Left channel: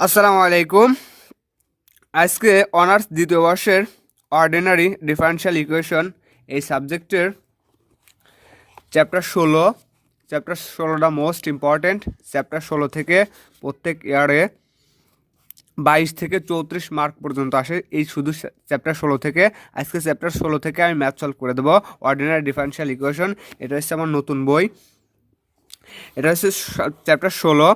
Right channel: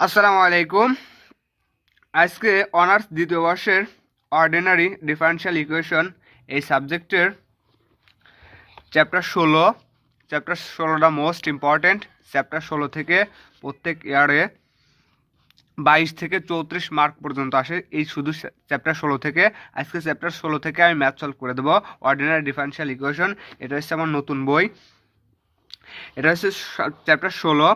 আসসালামু আলাইকুম। আজকে অনার্স দ্বিতীয় বর্ষের অর্ডিনারি ডিফারেনশিয়াল ইকুয়েশন এই সাবজেক্টের চ্যাপ্টার ষোলোটা মোস্ট ইম্পর্ট্যান্ট। চ্যাপ্টার 16 থেকে প্রত্যেক ইয়ারে 22 থেকে 34 মার্ক পর্যন্ত আসে এই শুধু চ্যাপ্টার 16 থেকে। আজকে চ্যাপ্টার 16 থেকে আমি ম্যাথ সলভ করে দেবো অর্ডিনারি ডিফারেনশিয়াল ইকুয়েশন। এটা হচ্ছে আমার নতুন বই। এটা হচ্ছে চ্যাপ্টার 16,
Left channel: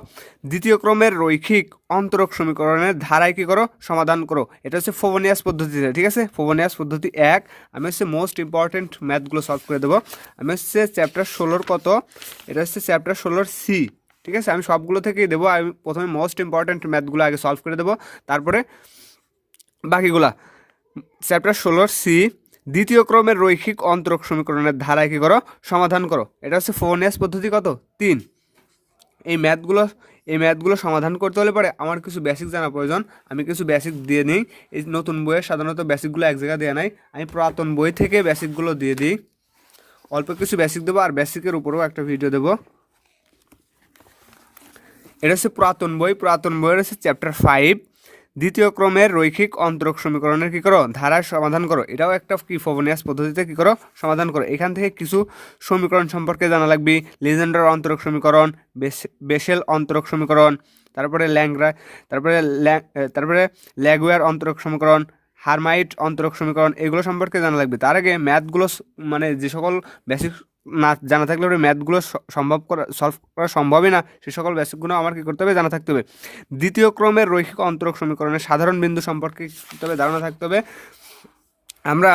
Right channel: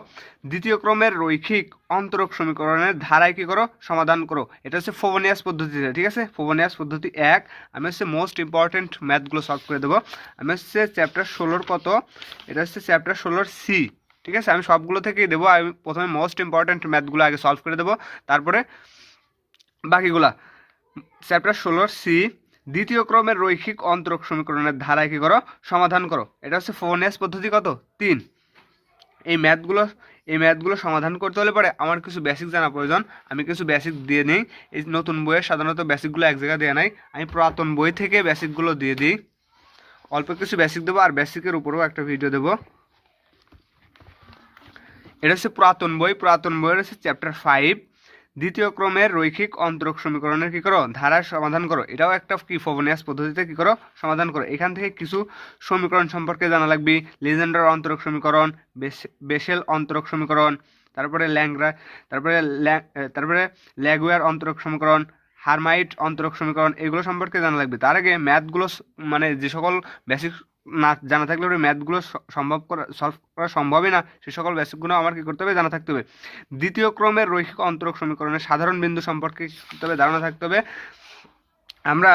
দ্বিতীয় ক্রমের রৈখিক অন্তরক সমীকরণের ধারায় কী করো, সমাধান করো। এটা হচ্ছে ফোভনিয়াস পদ্ধতিতে, ঠিক আছে। ফোভনিয়াস পদ্ধতি 1। আমি হচ্ছে মোস্ট ইম্পর্টেন্ট ম্যাথগুলো সলভ করে দেবো। আমি হচ্ছে চ্যাপ্টার 16 কত, এটা হচ্ছে চ্যাপ্টার 16 সি, ঠিক আছে। আমি সবগুলো থেকেই দেবো। আমি প্রথমে মোস্ট ইম্পর্টেন্ট ম্যাথগুলো আগে সলভ করে দেবো, তারপরে বাকিগুলা। চ্যাপ্টার 16 সি, দ্বিতীয় ক্রমের রৈখিক অন্তরক সমীকরণের ধারায় কী করো, সমাধান করো। এটা হচ্ছে ফোভনিয়াস পদ্ধতি কত, 3। এই ম্যাথগুলো সমাধান করতে হলে পরে আমার কিছু বেসিক জানা প্রয়োজন। আমি কিছু বেসিক দিয়ে নিই। এই নতুন বইয়ে সাধারণত বেসিকগুলো এক জায়গায় দেওয়া নাই, আমি পুরাতন বই থেকে বেসিকগুলো দিয়ে দিই। অল্প কিছু বেসিক দেবো আর বেসিকের উপরেও একটা ভিডিও দেবো। এটা হচ্ছে পুরাতন বইয়ের হচ্ছে চ্যাপ্টার 5, দ্বিতীয় ক্রমের রৈখিক অন্তরক সমীকরণের কী করো, ধারার সমাধান করো। এটাও একটা কি ফোভনিয়াস পদ্ধতিতে কী করো, সমাধান করো। এখান থেকে কিছু সমীকরণ সম্পর্কে জানা লাগবে। লিজেন্ডার অন্তরক সমীকরণ, বেসেল অন্তরক সমীকরণ, তারপরে তারপরে ল্যাগুয়ার অন্তরক সমীকরণ, হারমাইট অন্তরক সমীকরণ, এগুলো সম্পর্কে জানা লাগবে। তার আগে ম্যাথগুলো মানে যে সকল বেসিক না জানা থাকলে ওই ম্যাথগুলো সলভ করা সম্ভবই না, সে সকল বেসিকগুলো আমার কী করতে হবে, জানা থাকতে হবে। দ্বিতীয় ক্রমের রৈখিক অন্তরক সমীকরণের সাধারণ বিন্দু সম্পর্কে তবে ধারণা থাকতে হবে। আমরা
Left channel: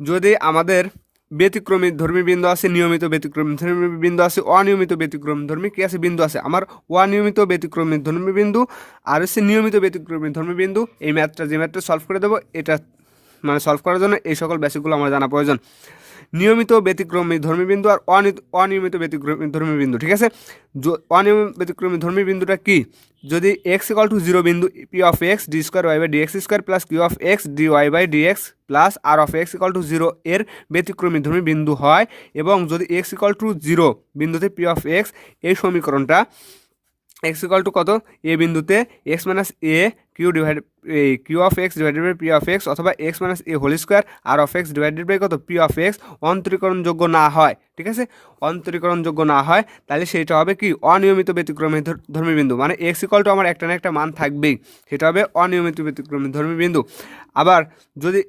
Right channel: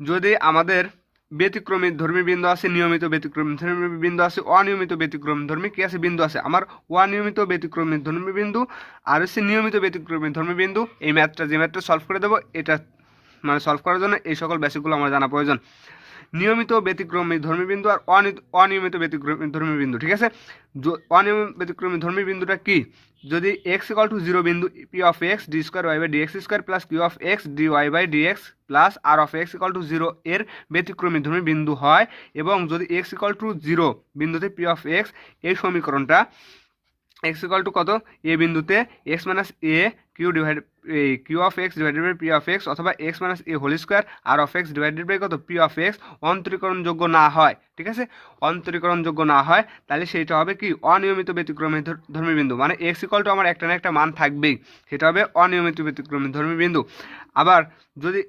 যদি আমাদের ব্যতিক্রমী ধর্মী বিন্দু আছে, নিয়মিত ব্যতিক্রমী ধর্মী বিন্দু আছে, অনিয়মিত ব্যতিক্রমী ধর্মী কী আছে বিন্দু আছে। আমার অনিয়মিত ব্যতিক্রমী ধর্মী বিন্দু আর হচ্ছে নিয়মিত ব্যতিক্রমী ধর্মী বিন্দু, এই যে ম্যাথটা সলভ করে দেবো, এটা মানে সলভ করার জন্য এই সকল বেসিকগুলো আমার জানা প্রয়োজন। নিয়মিত ব্যতিক্রমী ধর্মী বিন্দু আর অনিয়মিত ব্যতিক্রমী ধর্মী বিন্দু, ঠিক আছে। অনিয়মিত ব্যতিক্রমী ধর্মী বিন্দুটা কি, যদি x=0 বিন্দু p(x) d2y/dx² plus q(x) dy/dx plus r(x)=0 এর ব্যতিক্রমী ধর্মী বিন্দু হয়, এবং যদি x=0 বিন্দুতে p(x) এই সমীকরণটা x= কত, এ বিন্দুতে x - a q(x) divided by p(x) অথবা x - a whole square r(x) divided by কত p(x) অন্তরীকরণযোগ্য না হয়, ঠিক আছে। অন্তরীকরণযোগ্য না হয় তাহলে সেইটা হবে কি, অনিয়মিত ব্যতিক্রমী ধর্মী বিন্দু। মানে x= আমার একটা না একটা মান থাকবেই, সেটা হবে অনিয়মিত ব্যতিক্রমী ধর্মী বিন্দু। আবার যদি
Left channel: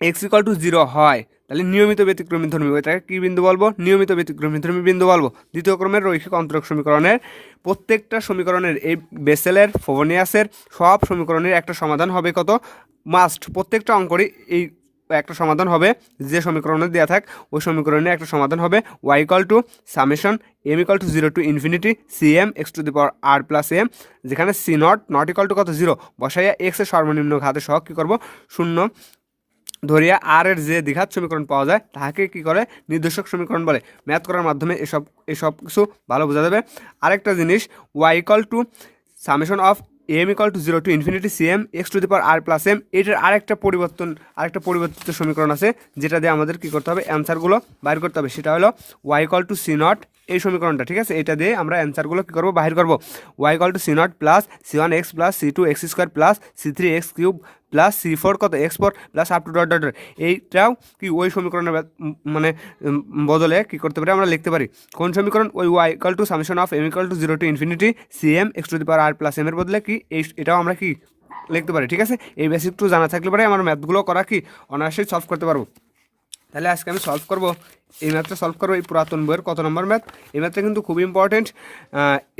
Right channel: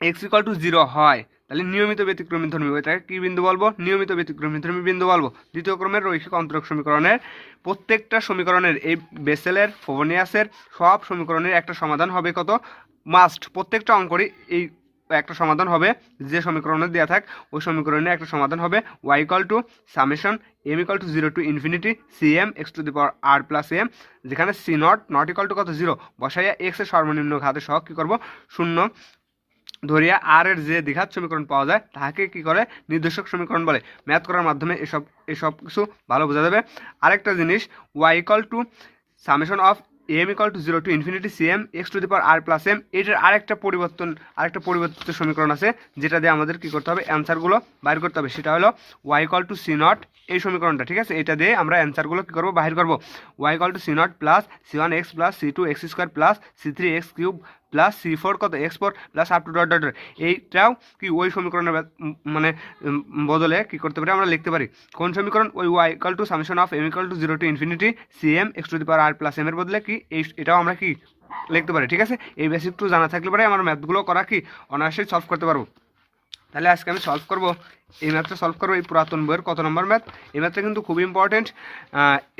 x=0 হয় তাহলে নিয়মিত ব্যতিক্রমী ধর্মী, এটাকে কী বিন্দু বলবো, নিয়মিত ব্যতিক্রমী ধর্মী বিন্দু বলবো। দ্বিতীয় ক্রমের রৈখিক অন্তরক সমীকরণের প্রত্যেকটা সমীকরণের, এই বেসেলের ফোভনিয়াসের সব সমীকরণের একটা সমাধান হবে কত, মাস্ট প্রত্যেকটা অঙ্করই এই একটা সমাধান হবে। যে সমীকরণে দেওয়া থাক ওই সমীকরণের একটা সমাধান হবে y=summation m=0 to infinity cm x⁴ plus m, যেখানে c0 কত 0 বসাইয়া x এর সর্বনিম্ন ঘাতের সহগ কী করবো, 0 ধরিয়া আর এর যে দ্বিঘাত সমীকরণ পাওয়া যায় তাহাকে কি করে, নির্দেশক সমীকরণ বলে। ম্যাথ করার মাধ্যমে এসব কিছু ভালো বোঝা যাবে। আরেকটা জিনিস, y=summation of m=0 to infinity cm x⁴ plus m, এটার আরেকটা পরিবর্তিত সমীকরণ আছে, যেটা দিয়ে আমাদের কি করতে হবে, অ্যান্সারগুলো বাইর করতে হবে। সেটা হলো y=c0, এই সমীকরণটা, ঠিক আছে। এটা দিয়ে আমরা অ্যান্সারগুলো কী করবো, বাহির করবো। y=c0 plus c1x plus c2x² plus c3x³ plus c4 কত x4 plus up to dot dot. এইটাও কি ওই সমীকরণের মানে বদলে কি করতে পারি, আমরা লিখতে পারি কোন সমীকরণ, ওই y=summation of m=0 to infinity cm x⁴ plus m এর বদলে কি এটাও আমরা কি লিখতে পারি, ঠিক আছে। এই বেসিকটু জানা থাকলে পরে আমার ম্যাথগুলো করা কি অনায়াসেই সলভ করতে পারবো। তাহলে আজকে আমি এই ম্যাথটা সলভ করবো। এই পুরাতন বইয়ের কত নম্বর ম্যাথ, এই ম্যাথটা কিন্তু খুব ইম্পর্টেন্ট।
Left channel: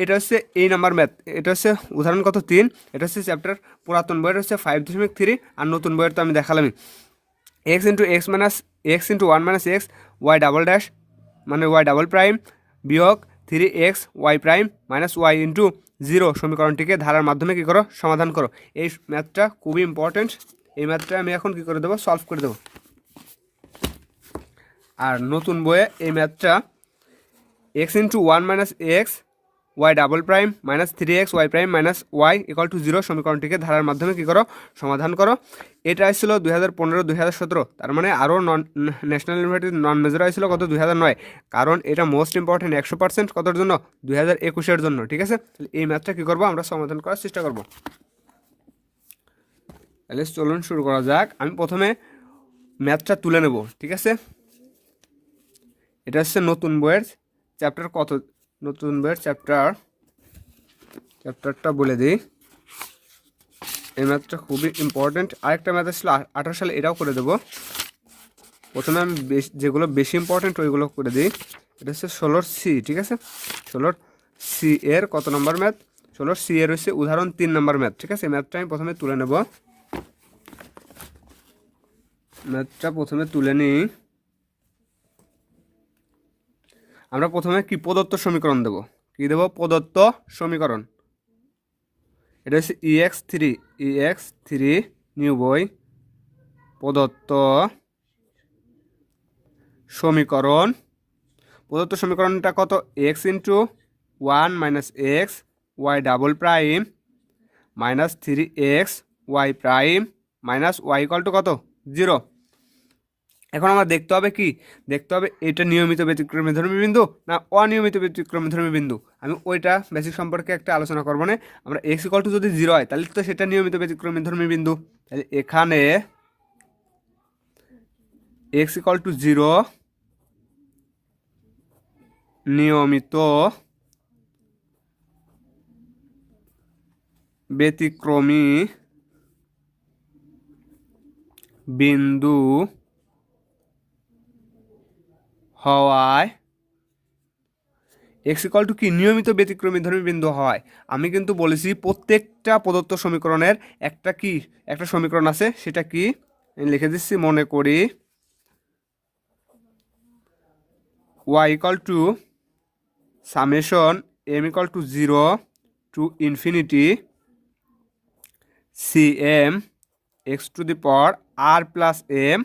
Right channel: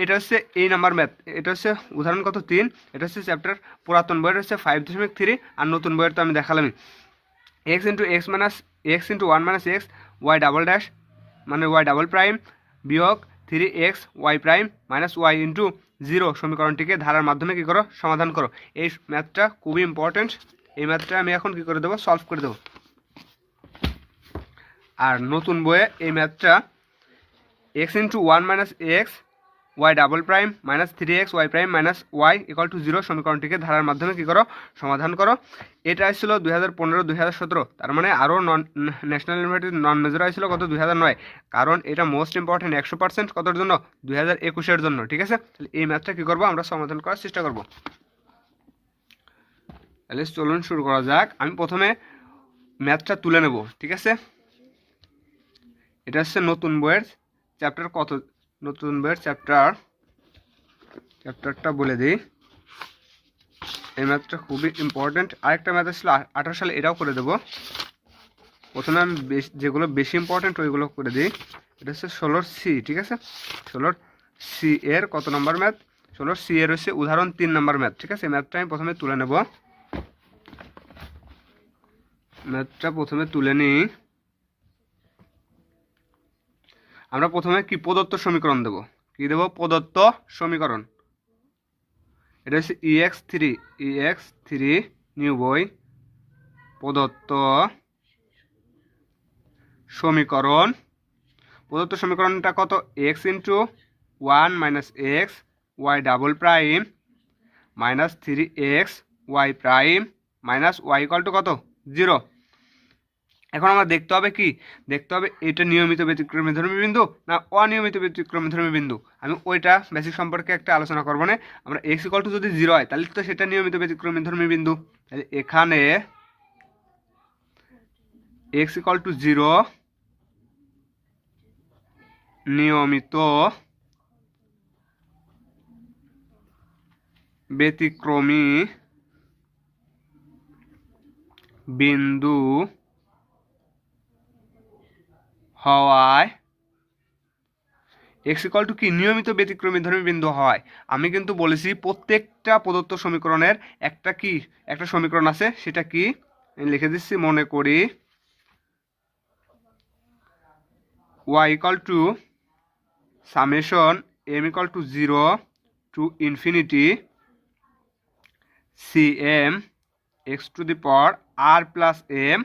এটা হচ্ছে এই নাম্বার ম্যাথ, এটা হচ্ছে উদাহরণ কত 3। এটা হচ্ছে চ্যাপ্টার পুরাতন বইয়ের হচ্ছে 5.3, আর নতুন বইয়ের তো আমি দেখালামই। x × x - 1 - x y double মানে y' বিয়োগ 3x y' - y × 0 সমীকরণটিকে ধারার মাধ্যমে কী করো, সমাধান করো। এই ম্যাথটা খুবই ইম্পর্টেন্ট। এই ম্যাথটা আমি এখন কী করে দেবো, সলভ করে দেবো। আর নতুন বইয়ে এই ম্যাথটা x × 1 - x y double prime minus 3x y prime minus y equal to 0 সমীকরণটিকে ধারার মাধ্যমে কী করো, সমাধান করো। এটা আসছিল 2015-2017, তার মানে আরও ন্যাশনাল ইউনিভার্সিটি নন মেজর আসছিল কত 2009, কারণ এটা মোস্ট ইম্পর্টেন্ট 100% কতর জন্য 2021-এর জন্য। ঠিক আছে, তাহলে এই ম্যাথটা কী করবো আমরা সমাধান করার চেষ্টা করব। তাহলে চলুন শুরু করা যাক। আমি প্রথমে ম্যাথটা তুলে নেব। ঠিক আছে, এটা হচ্ছে নতুন বইয়ের চ্যাপ্টার কত, নতুন বইয়ের চ্যাপ্টারটা বলে দিই। এই ম্যাথটা খুবই ইম্পর্টেন্ট। আরেকটা ম্যাথ আসলে 18 সালে, এটাও করে দেবো। প্রথমে আমি যেগুলো বেশি ইম্পর্টেন্ট ওইগুলো করে দিই। এটা হচ্ছে 16C। ঠিক আছে, 16C এর কত নম্বর ম্যাথ, 16C এর হচ্ছে উদাহরণ 3 নম্বর ম্যাথ। ঠিক আছে, ম্যাথটা আমি প্রথমে তুলে নেব। ম্যাথটা প্রথমে তুলে নিই। আমরা প্রথমে কি প্রদত্ত সমীকরণ দেব, কি দেব, প্রদত্ত সমীকরণ। এটা হচ্ছে EX3 নিউ বই, প্রদত্ত সমীকরণ। প্রদত্ত সমীকরণটা কত, x into 1 minus x y double prime minus 3x y prime minus y equal to কত 0। এখন আমার দেখতে হবে কি, দেখতে হবে এটা নিয়মিত ব্যতিক্রমীধর্মী বিন্দু না অনিয়মিত ব্যতিক্রমীধর্মী বিন্দু। আমি ওইটা বেসিক সম্পর্কে একটা আলোচনা করবো না। আমরা x ইকুয়াল টু যদি 0 হয় তাহলে তো সেটা নিয়মিত ব্যতিক্রমীধর্মী বিন্দু। তাহলে এখানে x ইকুয়াল টু 0 নিয়মিত ব্যতিক্রমী বিন্দু হওয়ায়, এক্স ইকুয়াল টু কি, নিয়মিত ব্যতিক্রমীধর্মী বিন্দু হয়। আমি কিন্তু বলেছি প্রত্যেকটা প্রদত্ত সমীকরণের একটা সমীকরণ আছে, সেটা কি লিখে দিচ্ছি, মনে করি y equal to summation m equal to 0 to infinity CM x to the power r plus m।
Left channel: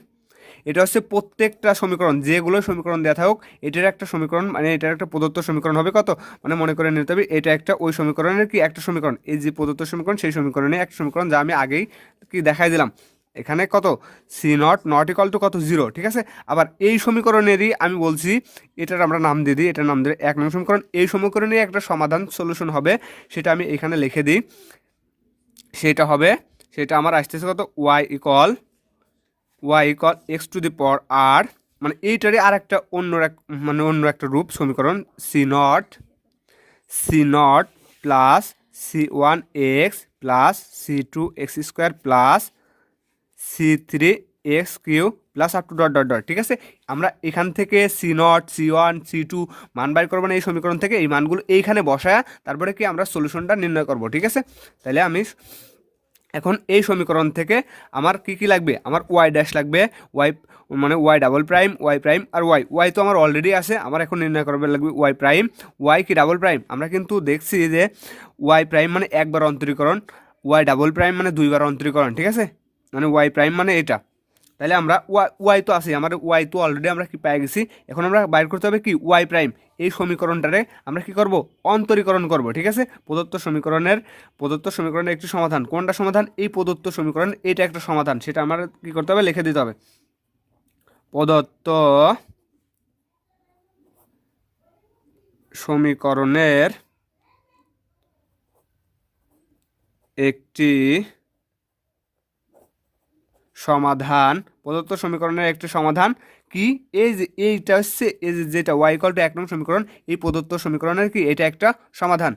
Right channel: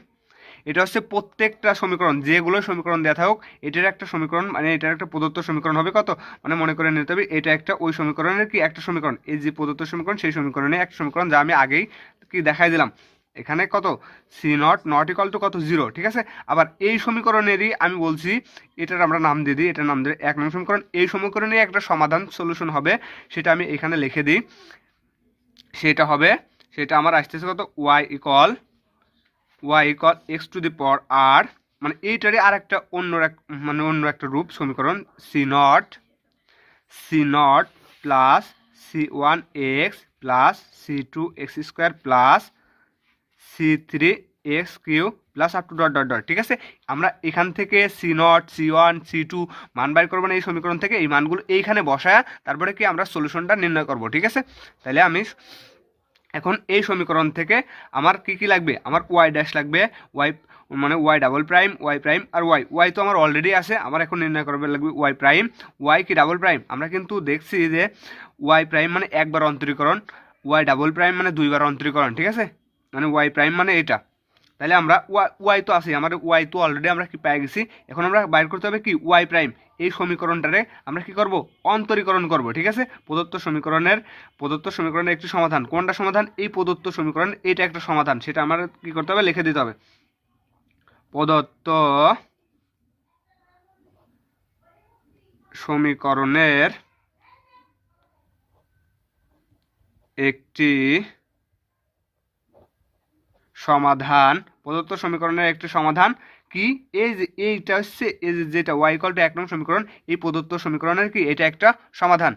এটা হচ্ছে প্রত্যেকটা সমীকরণ, যেগুলো সমীকরণ দেওয়া থাকুক এটার একটা সমীকরণ, মানে এটার একটা প্রদত্ত সমীকরণ হবে কত, মানে মনে করে নিতে হবে এটা একটা ওই সমীকরণের কি একটা সমীকরণ। এই যে প্রদত্ত সমীকরণ সেই সমীকরণে একটা সমীকরণ, যা আমি আগেই কি দেখাই দিলাম। এখানে কত C0 ইকুয়াল টু কত 0। ঠিক আছে, আবার এই সমীকরণেরই আমি বলছি, এটার আমরা নাম দিয়ে দিই, এটার নাম দিয়ে 1 নং সমীকরণ। এই সমীকরণে একটা সমাধান সলিউশন হবে, সেটা আমি এখানে লিখে দিই। সেটা আমার আসতেছে কত, y equal x to the power r, মানে এইটারই আর একটা অন্য একটা রূপ সমীকরণ, C0 plus C1x plus C2x square plus C3x cube plus up to dot dot dot. ঠিক আছে, আমরা এখান থেকে C0 C1 C2 মান বাইর করবো না এই সমীকরণ থেকে, এই মানগুলো এইখানে বসায় তারপরে কি আমরা সলিউশনটা নির্ণয় করব। ঠিক আছে, তাহলে আমি এখন এই সমীকরণ থেকে আমার কি লাগবে, আমার ওয়াই ড্যাশ লাগবে, মানে y double prime y prime আর ওয়াই তো আমার অলরেডি আছে, আমার এখন নির্ণয় করবে লাগবে ওয়াই প্রাইম। ওয়াই কি ডাবল প্রাইম, আমরা কিন্তু দেখছি যে ওয়াই প্রাইম মানে একবার অন্তরীকরণ, ওয়াই ডাবল প্রাইম মানে 2বার অন্তরীকরণ। ঠিক আছে, মানে ওয়াই প্রাইম মানে এটা। তাহলে আমরা ওয়াই তো আছে, আমাদের ওয়াই তো অলরেডি আমরা কি পেয়ে গেছি। এখন আমরা বাইর করতে হবে কি ওয়াই প্রাইম। এই সমীকরণটারে আমরা কি করব, অন্তরীকরণ করব। ঠিক আছে, প্রদত্ত সমীকরণের একটি সমাধান, কোনটা সমাধান, এই প্রদত্ত সমীকরণ এইটা একটা সমাধান, সেটা আমার কি করতে হবে, লিখে দিতে হবে। প্রদত্ত সমীকরণের একটি সমাধান, প্রদত্ত সমীকরণের একটি সমাধান কি, এইটা হচ্ছে এই যেটা ওয়াই ইকুয়াল টু 1 নং সমীকরণ, এই প্রদত্ত সমীকরণের কি এটা একটা সমাধান।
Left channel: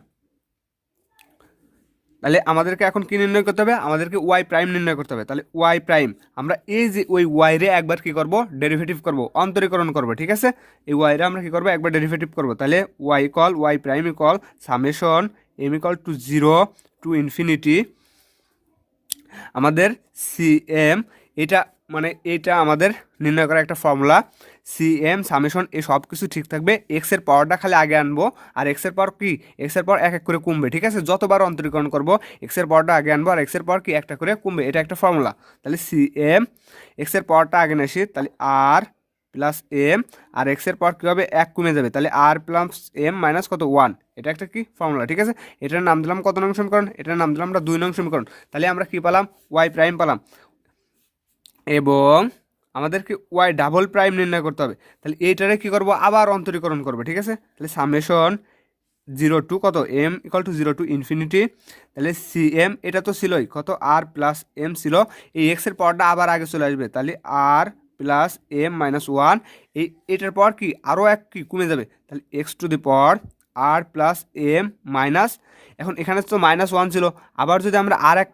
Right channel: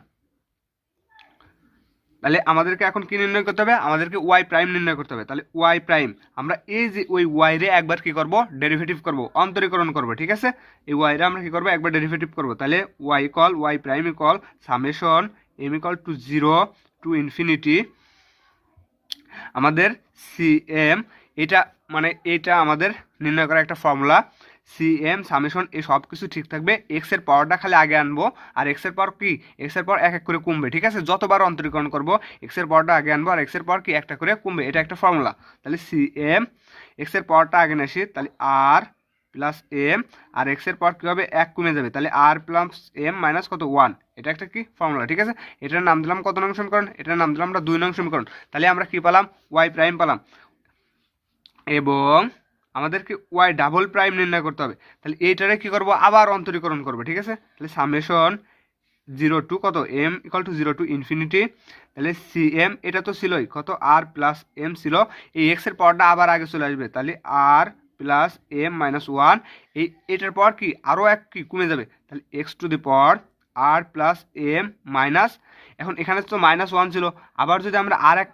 তাহলে আমাদেরকে এখন কি নির্ণয় করতে হবে, আমাদেরকে ওয়াই প্রাইম নির্ণয় করতে হবে। তাহলে ওয়াই প্রাইম আমরা এই যে ওই ওয়াই রে একবার কি করব, ডেরিভেটিভ করব, অন্তরীকরণ করব। ঠিক আছে, এই ওয়াই রে আমরা কি করব, একবার ডেরিভেটিভ করব। তাহলে y prime equal summation m equal to 0 to infinity আমাদের CM, এটা মানে এটা আমাদের নির্ণয় করা একটা ফর্মুলা। CM সামেশন এই সব কিছু ঠিক থাকবে, এক্সের পাওয়ারটা খালি আগে আনবো, আর এক্সের পাওয়ার কি, এক্সের পাওয়ার এক এক করে কমবে। ঠিক আছে, যতবার অন্তরীকরণ করবো এক্সের পাওয়ারটা আগে আনবো, আর এক্সের পাওয়ার কি একটা করে কমবে, এটা একটা ফর্মুলা। তাহলে CM এক্সের পাওয়ারটা আগে নেছি, তাহলে R প্লাস এম, আর এক্সের পাওয়ার কী হবে 1 কমে যাবে, তাহলে আর প্লাস এম মাইনাস কত 1। এটা একটা কি ফর্মুলা, ঠিক আছে। এটার নাম দিলাম কত নং সমীকরণ, এটার নাম দিলাম আমরা 2 নং সমীকরণ। তাহলে আমরা কি পেলাম, ওয়াই প্রাইম পেলাম, এবং আমাদেরকে ওয়াই ডাবল প্রাইম নির্ণয় করতে হবে। তাহলে এইটারে কী করবো, আবার অন্তরীকরণ করবো, ঠিক আছে। তাহলে সামেশন 0 টু কত m equal to 0 to infinity, তাহলে সি এম এটা তো ছিলই কত আর প্লাস এম ছিল, এই এক্সের পাওয়ারটা আবার আগে চলে আসবে, তাহলে আর প্লাস এম মাইনাস 1, এটার পাওয়ার কি আরও এক কি কমে যাবে, তাহলে x to the power r plus m minus, এখন এখানে তো -1 ছিল, আবার যদি আমরা আর এক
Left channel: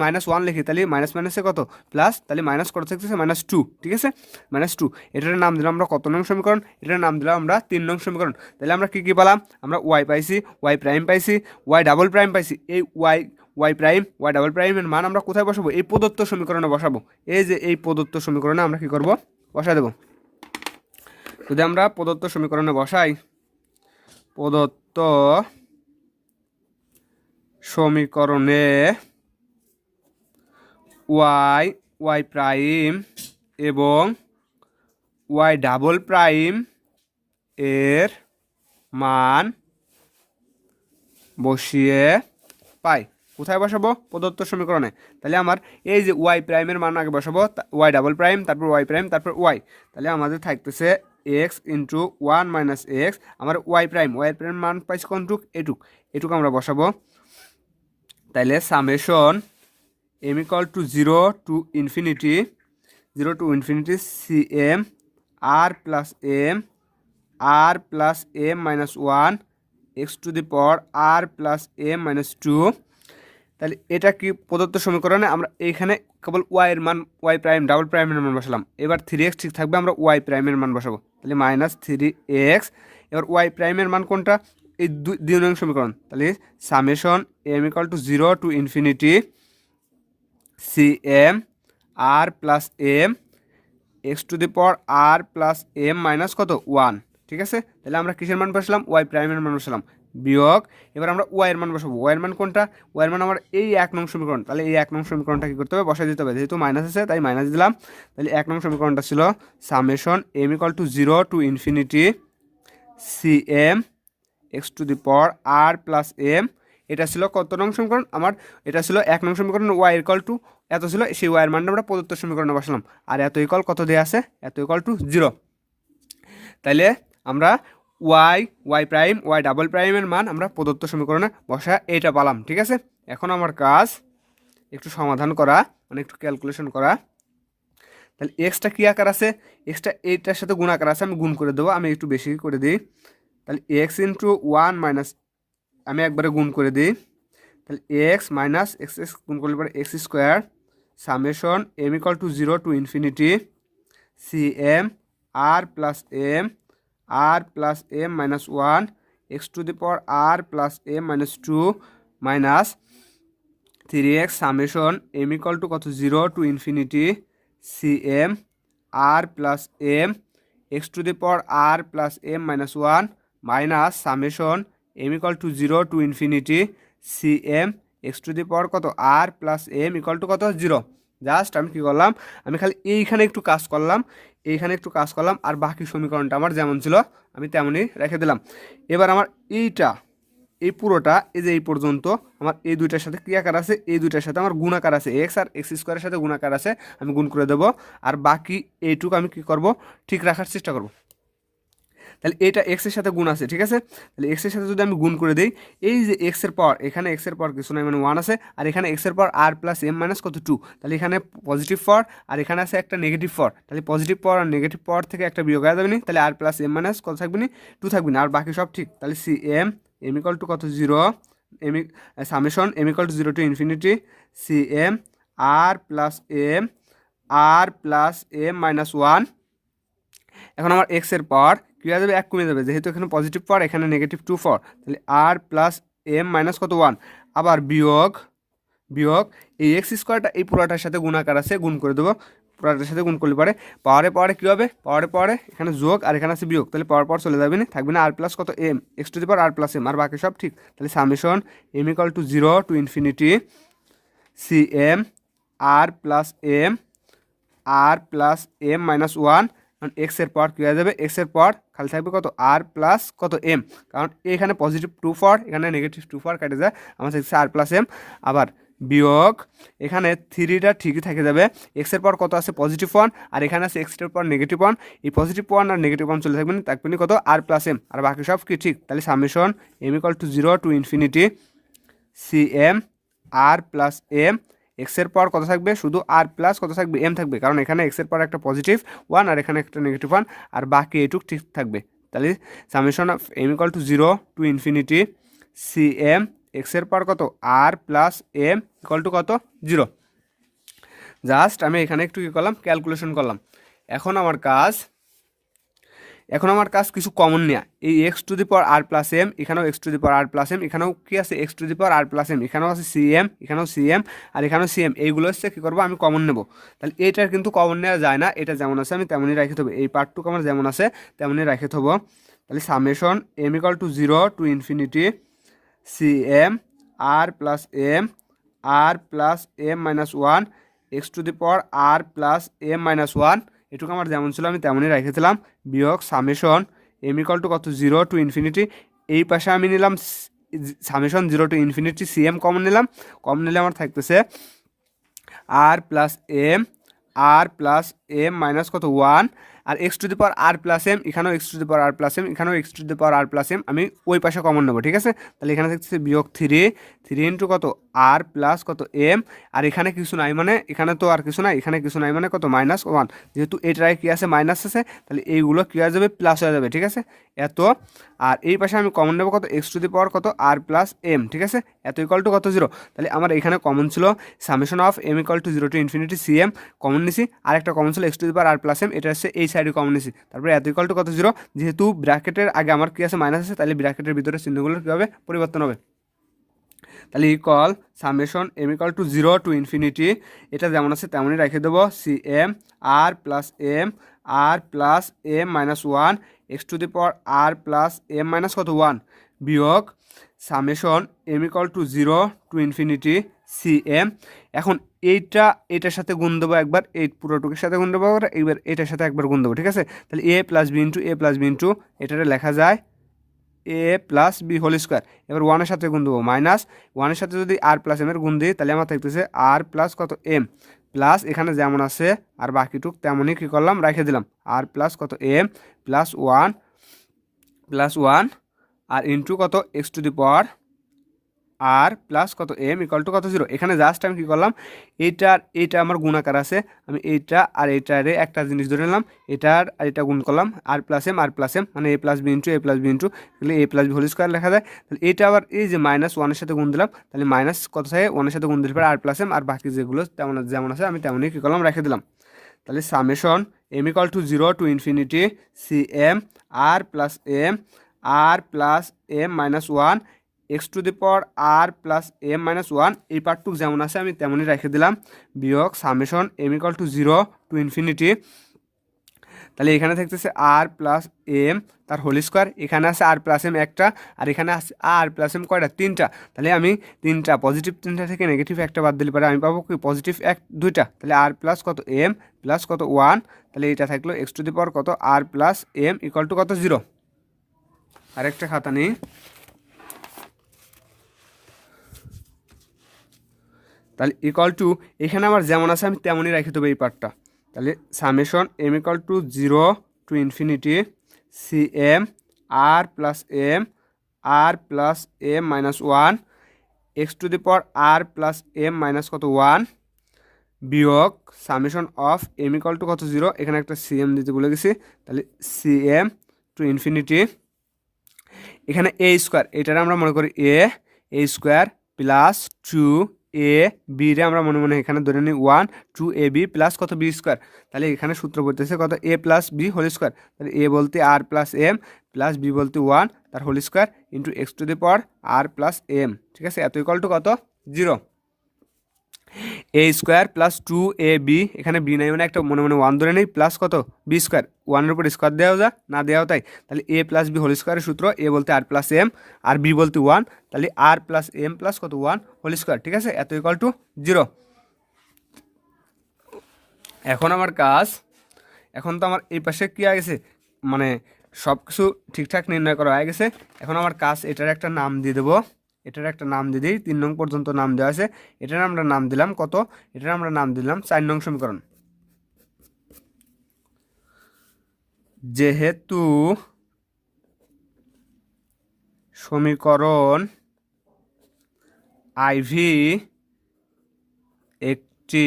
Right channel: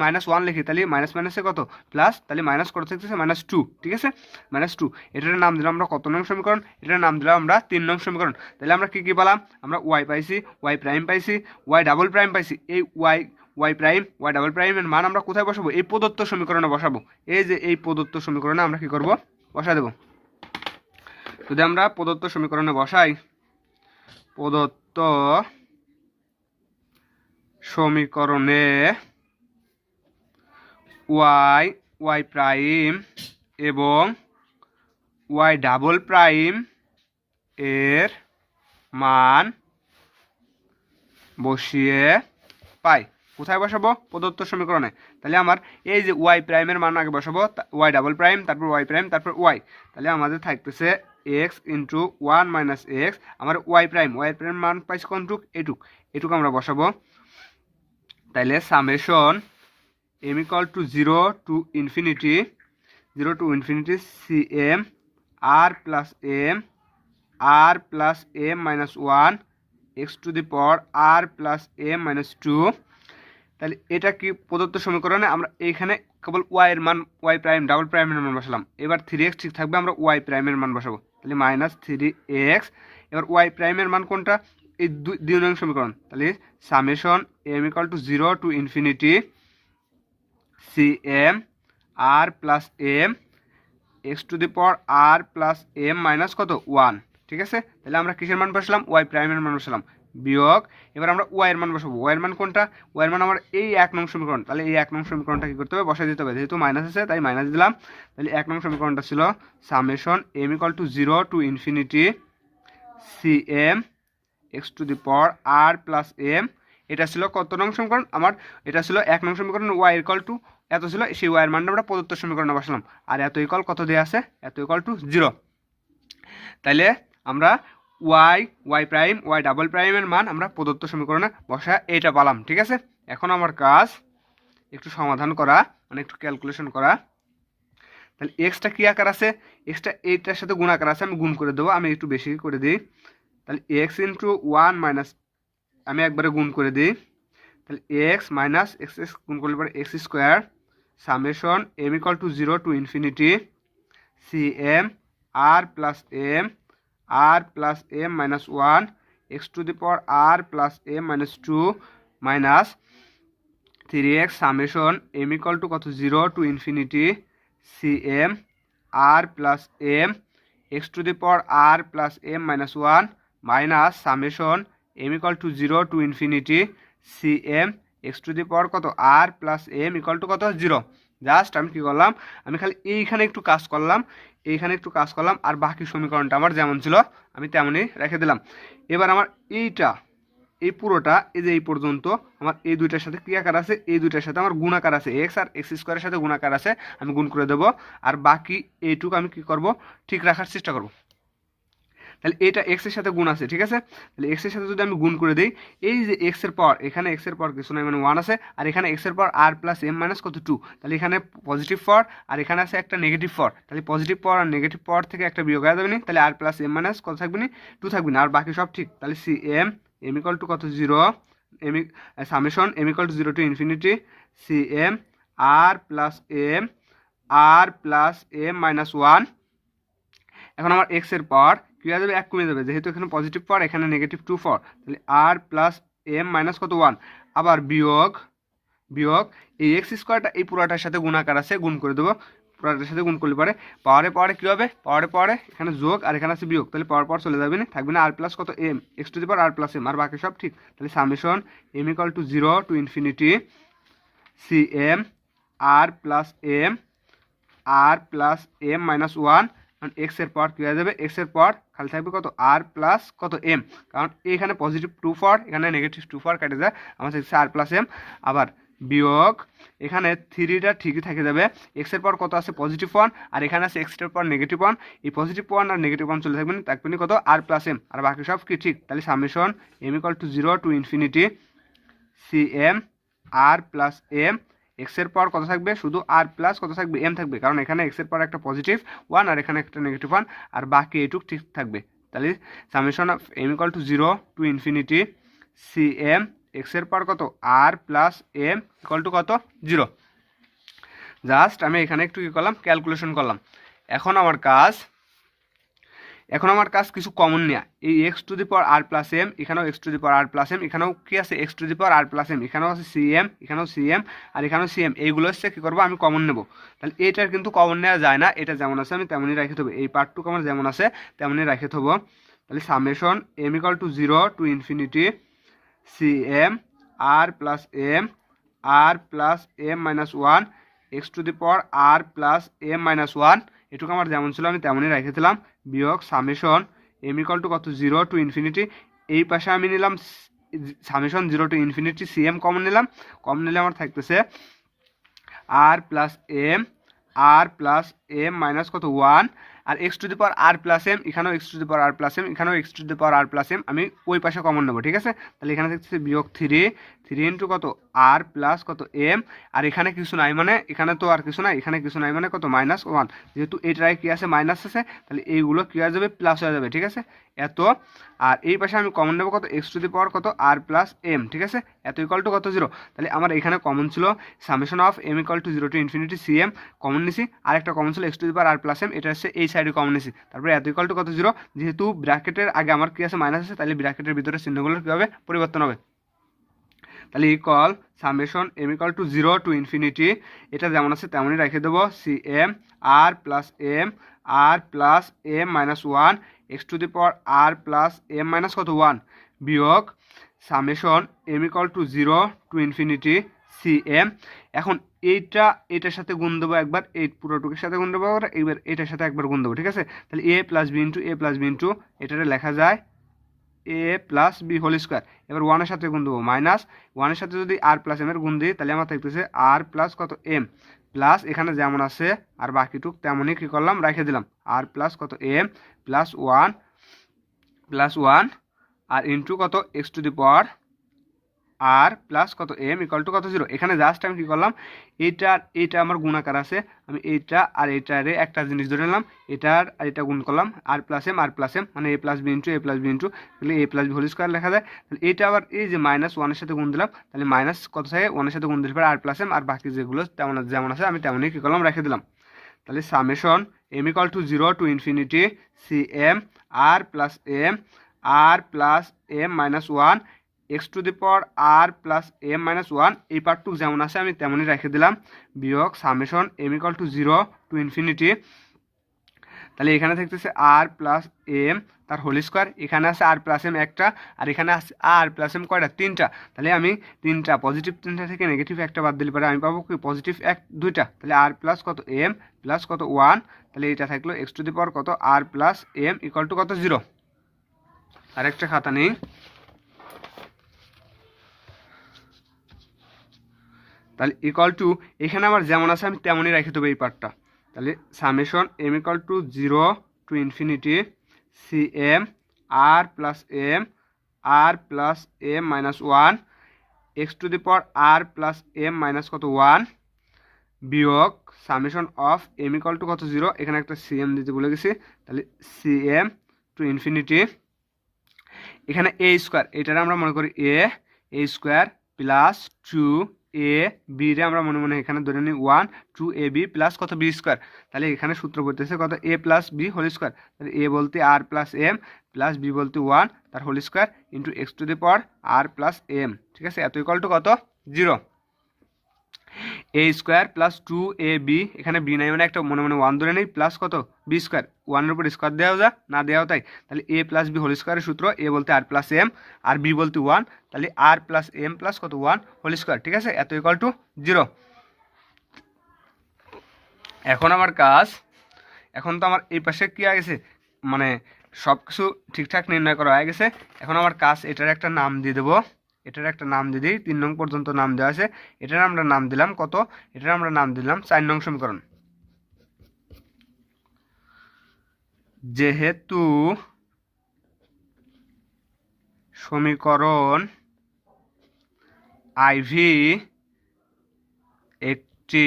-1 লিখি তাহলে মাইনাস মাইনাসে কত প্লাস, তাহলে মাইনাস করতে থাকতেছে -2, ঠিক আছে, -2। এটার নাম দিলাম আমরা কত নং সমীকরণ, এটার নাম দিলাম আমরা 3 নং সমীকরণ। তাহলে আমরা কী কী পেলাম, আমরা ওয়াই পাইছি, ওয়াই প্রাইম পাইছি, ওয়াই ডাবল প্রাইম পাইছি। এই ওয়াই প্রাইম ওয়াই ডাবল প্রাইমের মান আমরা কোথায় বসাবো, এই প্রদত্ত সমীকরণে বসাবো। এই যে এই প্রদত্ত সমীকরণে আমরা কী করব, বসাই দেবো। যদি আমরা প্রদত্ত সমীকরণে বসাই, প্রদত্ত সমীকরণে ওয়াই প্রাইম এবং ওয়াই ডাবল প্রাইম এর মান বসিয়ে পাই। কোথায় বসাবো, প্রদত্ত সমীকরণে। তাহলে আমার এই যে ওয়াই প্রাইমের মান আগে বসাবো, ওয়াই ডাবল প্রাইম, তারপর ওয়াই প্রাইম, তারপর ওয়াই। তাহলে আমাদের থাকতেছে এক্স ইন্টু 1 মাইনাস এক্স, আমার ওয়াই প্রাইম মান পাইছি কোনটুক, এটুক আমরা বসাবো। তাহলে summation m equal to 0 to infinity C M r plus m minus 1 x to the power r plus m minus 2। তাহলে এটা কি প্রদত্ত সমীকরণে আমরা এইখানে কেবল ওয়াইয়ের মান, ওয়াই প্রাইম ডাবল প্রাইমের মান বসালাম। এবার 3x ঠিক থাকবে, আমরা ওয়াই প্রাইমের মান বসাবো, তাহলে -3x। এবার ওয়াই প্রাইমের মান কোনটা, এই 2 নং সমীকরণ। তাহলে summation m equal to 0 to infinity C M r plus m x to the power r plus m minus কত 1, ঠিক আছে। তাহলে আমরা কিসের মান বসালাম, ওয়াই প্রাইমের মান বসালাম, বিয়োগ এবার আমরা ওয়াইয়ের মান বসাবো। ওয়াইয়ের মান কোনটা, ওয়াইয়ের মান আমার এই 1 নং সমীকরণ। তাহলে এই 1 নং সমীকরণটা কী করতে হবে, বসাই দিতে হবে, যেহেতু মাইনাস আছে তাই মাইনাস দিলাম। তাহলে 1 নং সমীকরণটা ছিল summation m equal to 0 to infinity C M x to the power r plus m. এটা ছিল কত নং সমীকরণ, আমার এটা ছিল 1 নং সমীকরণ। ওয়াই ইকুয়াল টু এত ছিল, সেই ওয়াইয়ের মানটা আমরা প্রদত্ত সমীকরণে বসালাম, আর এত ইকুয়াল কত দেওয়া আছে, এত ইকুয়াল টু 0। তাইলে আমরা ওয়াই প্রাইম ওয়াই ডাবল প্রাইমের মান আমরা প্রদত্ত সমীকরণে বসা এটা পালাম, ঠিক আছে। এখন আমার কাজ একটু সমাধান করা, মানে একটু ক্যালকুলেশন করা। তাহলে এক্সটা কী আকার আছে, এক্সটা এইটার সাথে গুণ আকার আছে, আমি গুণ করে দেবো, আমি একটু বেশি করে দিই। তাহলে এক্স ইন্টু 1 মাইনাস, আমি একবারে গুণ করে দিই, তাহলে এক্স মাইনাস এক্স গুণ করলে পরে x square summation m equal to 0 to infinity C M r plus m minus 1 x to the power r plus m minus 2 minus 3x summation m equal to কত 0 to infinity C M r plus m x to the power r plus m minus 1 minus summation m equal to 0 to infinity C M x to the power কত r plus m equal to কত 0। Just আমি কী করলাম, আমি খালি এইখানে একটু কাজ করলাম, আর বাকি সমীকরণটা আমার যেমন ছিল আমি তেমনই রেখে দিলাম। এবার আমার এই পুরোটা, এই যে এই পর্যন্ত আমার এই দুইটার সাথে কী আকার আছে, এই দুইটার সাথে আমার গুণাকার আছে, এক্স আর এক্স স্কোয়ারের সাথে গুণাকার আছে, আমি গুণ করে দেবো। আর বাকি এইটুকু আমি কী করব, ঠিক রাখার চেষ্টা করব। তাহলে এটা এক্সের সাথে গুণ আছে, ঠিক আছে। তাহলে এক্সের সাথে যদি আমি গুণ করে দিই, এই যে এক্সের পাওয়ার, এখানে এক্সের পাওয়ার কিছু নয়, মানে 1 আছে, আর এখানে এক্সের পাওয়ার আর প্লাস এম মাইনাস কত 2, তাহলে এখানে পজিটিভ পাওয়ার আর এখানে আছে একটা নেগেটিভ পাওয়ার, তাহলে পজিটিভ পাওয়ার আর নেগেটিভ পাওয়ার থেকে একটা বিয়োগ হয়ে যাবে না, তাহলে আর প্লাস এম মাইনাস কত থাকবে না 2 থাকবে না, আর বাকি সব ঠিক। তাহলে সি এম ইকুয়াল টু কত 0 summation m equal to 0 to infinity C M r plus m minus 1। এখন আমার এক্সের পাওয়ার কী হয়ে যাবে, 1 কমে যাবে, যেহেতু এখানে পজিটিভ পাওয়ার এখানে নেগেটিভ 2 পাওয়ার, তাহলে আর প্লাস এম মাইনাস কত 1, আবার বিয়োগ এই এক্স স্কোয়ারটা এই পুরোটার সাথে গুণাকার আছে, গুণ করে দেবো, পুরোটার সাথে গুণ করলে পরে পাওয়ারে কী হবে, পাওয়ারে এখানে যোগ আর এখানে আছে বিয়োগ, তাহলে পাওয়ার চলে যাবে না, থাকবে না আর প্লাস কত m x to the power r plus m, আর বাকি সব ঠিক। তাহলে summation m equal to 0 to infinity C M r plus m minus 1 কারণ এক্সের পর কী হয়ে যাবে, এক্সের পর খালি থাকবে কত আর প্লাস কত এম, কারণ এখানে পজিটিভ 2 এখানে নেগেটিভ 2 কেটে যায়, আমার থাকছে আর প্লাস এম। আবার বিয়োগ এখানে 3টা ঠিকই থেকে যাবে, এক্সের পর কত আছে +1 আর এখানে আছে এক্সের পর -1, এই +1 আর -1 চলে থাকবেন, থাকবেন কত আর প্লাস এম, আর বাকি সব কি ঠিক। তাহলে summation m equal to 0 to infinity C M r plus m, এক্সের পর কত থাকবে, শুধু আর প্লাস কত থাকবে এম থাকবে, কারণ এখানে এক্সের পর একটা +1 আর এখানে একটা -1 আর বাকি এইটুক ঠিক থাকবে। তাহলে summation of m equal to 0 to infinity C M, এক্সের পর কত r plus m equal to কত 0। জাস্ট আমি এখানে একটু কী করলাম, ক্যালকুলেশন করলাম। এখন আমার কাজ কিছু কমন নেওয়া, এই x to the power r plus m, এখানেও x to the power r plus m, এখানেও কি আছে x to the power r plus m, এখানেও আছে সি এম, এখানেও সি এম আর এখানেও সি এম, এইগুলো হচ্ছে কী করবো আমি কমন নেব। তাহলে এটার কিন্তু কমন নেওয়া যায় না, এটা যেমন আছে আমি তেমনই রেখে দেবো, এই পার্টটুকু আমার যেমন আছে তেমনই রেখে দেবো। তাহলে summation m equal to 0 to infinity C M r plus m -1 x to the power r plus m -1, এটুকু আমার যেমন ছিল আমি তেমনই রেখেছিলাম, বিয়োগ সামেশন এম ইকুয়াল টু কত 0 টু ইনফিনিটি, এই পাশে আমি নিলাম summation 0 to infinity C M common নিলাম, কমন নিলে আমার থাকতেছে আর প্লাস এম মাইনাস কত 1 আর x to the power r plus m, এখানেও x to the power r plus m, এখানেও x to the power r plus m, আমি ওই পাশে কমন নেবো, ঠিক আছে। তাহলে এখানে থাকতেছে বিয়োগ 3 ইন্টু কত আর প্লাস কত এম, আর এখানে কিছু নাই মানে এখানে তো আর কিছু নাই, এখানে কিছু নাই মানে কত -1, যেহেতু এটাই কি আছে মাইনাস আছে, তাহলে এইগুলো কী হয়ে যাবে প্লাস হয়ে যাবে, ঠিক আছে এত। আর এই পাশে আমি কমন নেবো কত এক্স টু দি পাওয়ার কত আর প্লাস এম, ঠিক আছে, এত ইকুয়াল টু কত 0। তাহলে আমার এখানে কমন ছিল summation of m equal to 0 to infinity C M common নিছি, আর একটা কমন ছিল x to the power r plus m, এটা হচ্ছে এই সাইডে কমন নিছি, তারপরে এত ইকুয়াল টু কত 0, যেহেতু ব্র্যাকেটের আগে আমার কি আছে মাইনাস আছে, তাহলে ব্র্যাকেটের ভিতরে চিহ্নগুলো কীভাবে পরিবর্তন হবে। তাহলে equal summation m equal to 0 to infinity, এটা যেমন আছে তেমনই রেখে দেবো C M r plus m -1 x to the power r plus m minus কত 1 বিয়োগ summation m equal to 0 to infinity C M. এখন এটার সাথে গুণ দেবো একবার, এই পুরোটুকুর সাথে গুণ দেবো এইবার এটার সাথে একবার গুণ দেবো, ঠিক আছে। তাহলে এ প্লাস বি ইন্টু এটারে লেখা যায় এ প্লাস বি হোল স্কোয়ার, এবার 1-এর সাথে গুণ দেবো -1-এর সাথে যদি আর প্লাস এম এর গুণ দিই, তাহলে আমার থাকতেছে আর প্লাস কত এম প্লাস এখানে যেমন আছে আর বাকিটুক তেমনই কী করলাম রেখে দিলাম, আর প্লাস কত এম +1 আর ইন্টু কত x to the power r plus কত এম ইকুয়াল টু কত 0। এখানে জাস্ট আমি কী করলাম, এইটা আমার গুণাকার আছে, আমি এইটা আর এইটারে একটা জিনিস ধরে নিলাম, এটার আর এটা গুণ করলাম আর প্লাস এম মানে এ প্লাস বি ইন্টু তাহলে এ প্লাস বি হোল স্কোয়ার লেখা যায়। তাহলে এইটা আবার এই যে -1-এর সাথে গুণ দিলাম, তাহলে মাইনাস কত থাকে 1-এর সাথে গুণ দিলে পরে আর প্লাস এম, আর বাকি যেগুলো যেমন আছে আমি তেমনই কী করলাম রেখে দিলাম। তাহলে summation m equal to 0 to infinity C M r plus m -1 x to the power r plus m -1, এই পার্টটুক যেমন আছে আমি তেমনই রেখে দিলাম, বিয়োগ summation m equal to 0 to infinity, তাহলে এখানে থাকতেছে আর প্লাস এম তার হোল স্কোয়ার, এখানে আছে আর প্লাস এম একটা, আর এখানে আছে আর প্লাস এম কয়টা 3টা, তাহলে আমি 3টা পজিটিভ 3টা থেকে নেগেটিভ একটা বাদ দিলে পরে আমি পাবো কি +2 2টা, তাহলে আর প্লাস কত এম প্লাস কত 1, তাহলে এটা থাকলো এক্স টু দি পাওয়ার কত r plus m equal to কত 0। আরেকটা খাতা নেই, তাহলে ইকুয়াল টু এখানে আমার যেমন আছে আমি তেমনই রেখে দেবো এই পার্টটা। তাহলে summation m equal to 0 to infinity C M r plus m -1 x to the power r plus m minus কত 1 বিয়োগ summation of m equal to কত 0, এখানে একটা সি এম দিতে ভুলে গেছি, তাহলে সি এম টু ইনফিনিটি, এখানে এ স্কোয়ার এটারে আমরা মনে করি এ স্কোয়ার প্লাস 2ab রে আমরা মনে মনে এখানে ধরে নিই 1 2ab প্লাস কত বি স্কোয়ার, তাহলে এখানে সূত্র বলতেছে কত a plus B whole square, তাহলে a বলতে r plus m plus B বলতে 1 তার whole square into x to the power r plus m, ঠিক আছে, এত ইকুয়াল টু কত 0। এ স্কোয়ার প্লাস 2ab, এখানে বি নাই মানে একটা মনে মনে 1 ধরে নেই, প্লাস কত বি স্কোয়ার, 1-এর উপর স্কোয়ার দেওয়া যা না দেওয়া তাই, তাহলে এ প্লাস বি হোল স্কোয়ারের সূত্র, এ বলতে আর প্লাস এম আর বি বলতে 1, তাহলে আর প্লাস এম প্লাস কত 1 হোল স্কোয়ার, ঠিক আছে, এত ইকুয়াল টু 0। এখন এখন তো আমার এই পাশে কি হয়ে গেছে, মানে সব কিছু ঠিকঠাক নির্ণয় করা হয়ে গেছে। এখন আমার কাজ এটার একটা নাম দিয়ে দেবো, এটার একটা নাম দিয়ে দিই। 3 নং পর্যন্ত নাম দেওয়া আছে, এটার আমরা নাম দিলাম কত, এটার আমরা নাম দিলাম 4 নং সমীকরণ। যেহেতু সমীকরণ আইভি একটি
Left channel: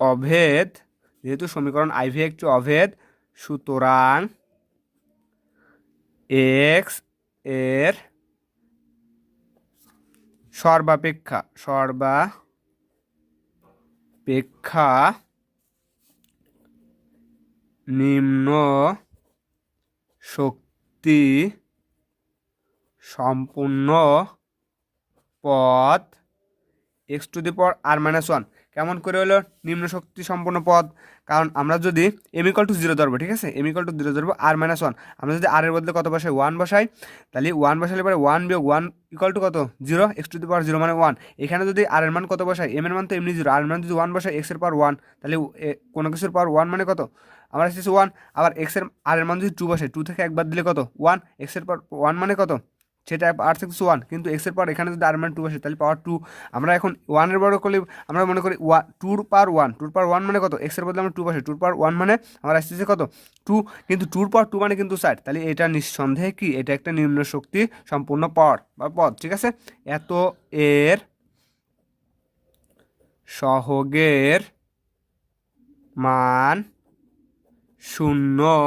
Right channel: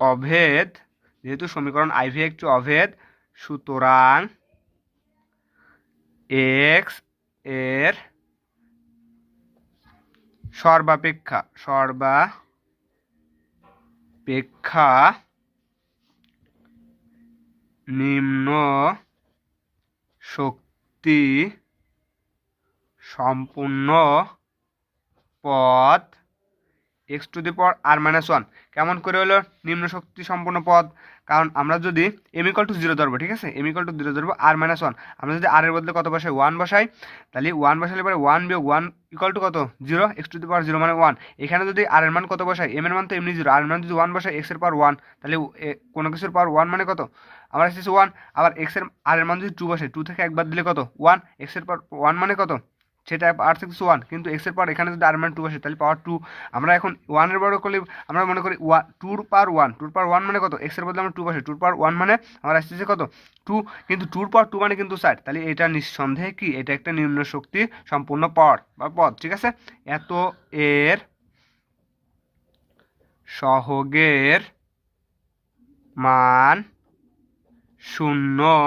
অভেদ, যেহেতু সমীকরণ আইভি একটি অভেদ, সুতরাং এক্স এর সর্বাপেক্ষা নিম্ন শক্তি সম্পূর্ণ পদ x to the power r minus one. কেমন করে হলো নিম্ন শক্তি সম্পূর্ণ পদ? কারণ আমরা যদি এম ইকুয়াল টু 0 ধরবো, ঠিক আছে, এম ইকুয়াল টু 0 ধরবো, আর মাইনাস ওয়ান, আমরা যদি আর এর বদলে কত বসাই, 1 বসাই, তাহলে 1 বসালে পরে 1 বিয়োগ 1 ইকুয়াল টু কত, 0, এক্স টু দি পাওয়ার 0 মানে 1। এখানে যদি আর এর মান কত বসাই, এম এর মান তো এমনি 0, আর এর মান যদি 1 বসাই, এক্স এর পাওয়ার 1, তাহলে কোনো কিছুর পাওয়ার 1 মানে কত, আমার আসছে 1। আবার এক্স এর আর এর মান যদি 2 বসাই, 2 থেকে একবার দিলে কত, 1, এক্স এর পাওয়ার 1 মানে কত, সেটা আর সিক্স 1, কিন্তু এক্স এর পাওয়ার এখানে যদি আর মান 2 বসে, তাহলে পাওয়ার 2। আমরা এখন 1 এর বড় করলে আমরা মনে করি 2 পাওয়ার 1, 2 পাওয়ার 1 মানে কত, এক্স এর বদলে আমরা 2 বসে, 2 পাওয়ার 1 মানে আমার আসতেছে কত, 2, কিন্তু 2 পাওয়ার 2 মানে কিন্তু 60, তাহলে এটা নিঃসন্দেহে কি, এটা একটা নিম্ন শক্তি সম্পূর্ণ পাওয়ার বা পদ, ঠিক আছে। এত এর সহগের মান 0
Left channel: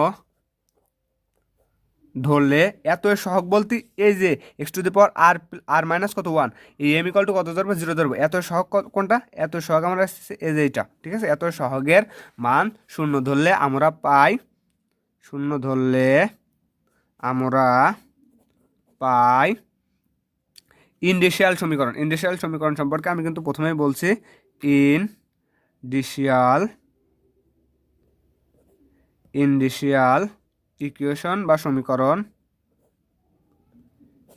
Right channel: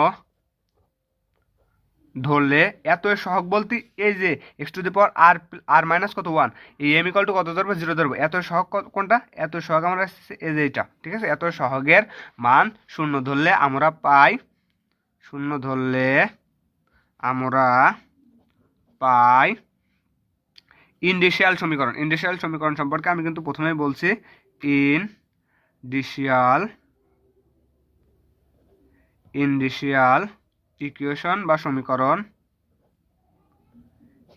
ধরলে, এত এর সহগ বলতে এই যে x to the power r minus কত 1, এই এম ইকুয়াল টু কত ধরবো, 0 ধরবো। এত এর সহগ কোনটা, এত এর সহগ আমরা আসছে এই যে এটা, ঠিক আছে। এত এর সহগের মান 0 ধরলে আমরা পাই, 0 ধরলে আমরা পাই ইন্ডিশিয়াল সমীকরণ। ইন্ডিশিয়াল সমীকরণ সম্পর্কে আমি কিন্তু প্রথমেই বলছি, ইন্ডিশিয়াল ইকুয়েশন বা সমীকরণ,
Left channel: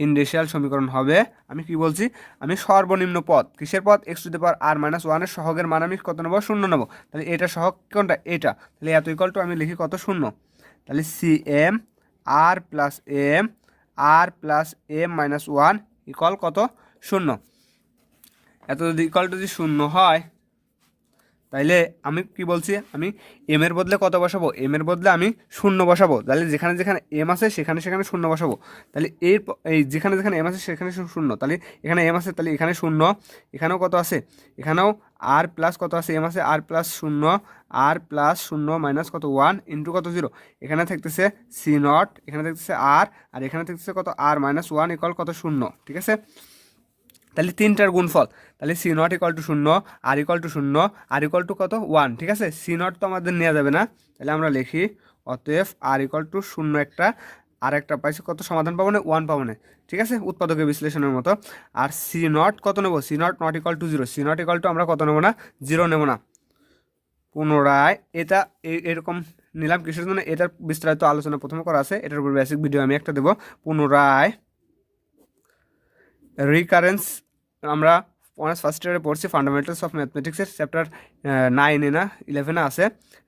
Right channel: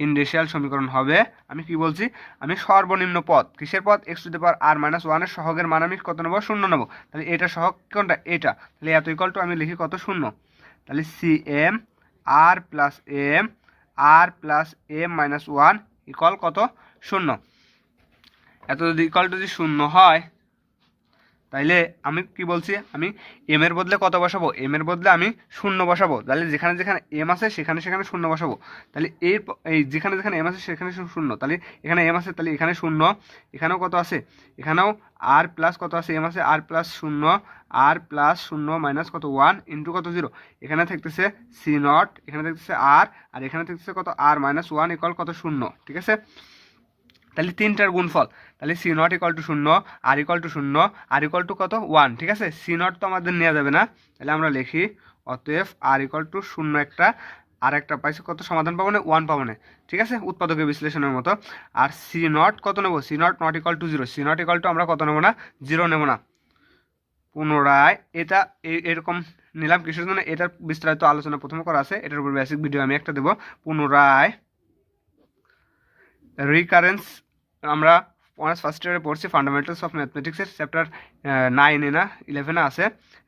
ইন্ডিশিয়াল সমীকরণ হবে, আমি কি বলছি, আমি সর্বনিম্ন পদ, কিসের পদ, x to the power r minus ওয়ানের সহগের মান আমি কত নেবো, 0 নেবো। তাহলে এটা সহগ কোনটা, এটা, তাহলে এত ইকুয়াল টু আমি লিখি কত, 0। তাহলে C M r plus m minus 1 equal কত, 0। এত যদি ইকুয়াল টু যদি 0 হয়, তাইলে আমি কি বলছি, আমি এম এর বদলে কত বসাবো, এম এর বদলে আমি 0 বসাবো। তাহলে যেখানে যেখানে এম আছে সেখানে সেখানে 0 বসাবো। তাহলে এই যেখানে যেখানে এম আছে সেখানে 0, তাহলে এখানে এম আছে, তাহলে এখানে 0, এখানেও কত আছে, এখানেও আর প্লাস কত আছে, এম আছে, আর প্লাস 0, আর প্লাস 0 মাইনাস কত 1 ইন্টু কত 0, এখানে থাকতেছে সি নট, এখানে থাকতেছে আর এখানে থাকতেছে কত, আর মাইনাস 1 ইকুয়াল কত, 0, ঠিক আছে। তাহলে 3টার গুণফল, তাহলে C naught equal to 0, r equal to 0, r equal to কত 1, ঠিক আছে। সি নট তো আমাদের নেওয়া যাবে না, তাহলে আমরা লিখি অতএব আর ইকুয়াল টু 0 একটা, আর একটা পাইছি কত, সমাধান পাবো না, 1 পাবো না, ঠিক আছে, উৎপাদকের বিশ্লেষণের মতো। আর সি নট কত নেবো, C naught naught equal to 0, C naught equal to আমরা কত নেবো না, 0 নেবো না। পুনরায় এটা এরকম নিলাম কিসের জন্য, এটার বিস্তারিত আলোচনা প্রথমে করা আছে, এটার উপর বেসিক ভিডিও আমি একটা দেবো। পুনরায় রিকারেন্স, আমরা অনার্স ফার্স্ট ইয়ারে পড়ছি ফান্ডামেন্টালস অফ ম্যাথমেটিক্সের চ্যাপ্টার 9 না 11 আছে,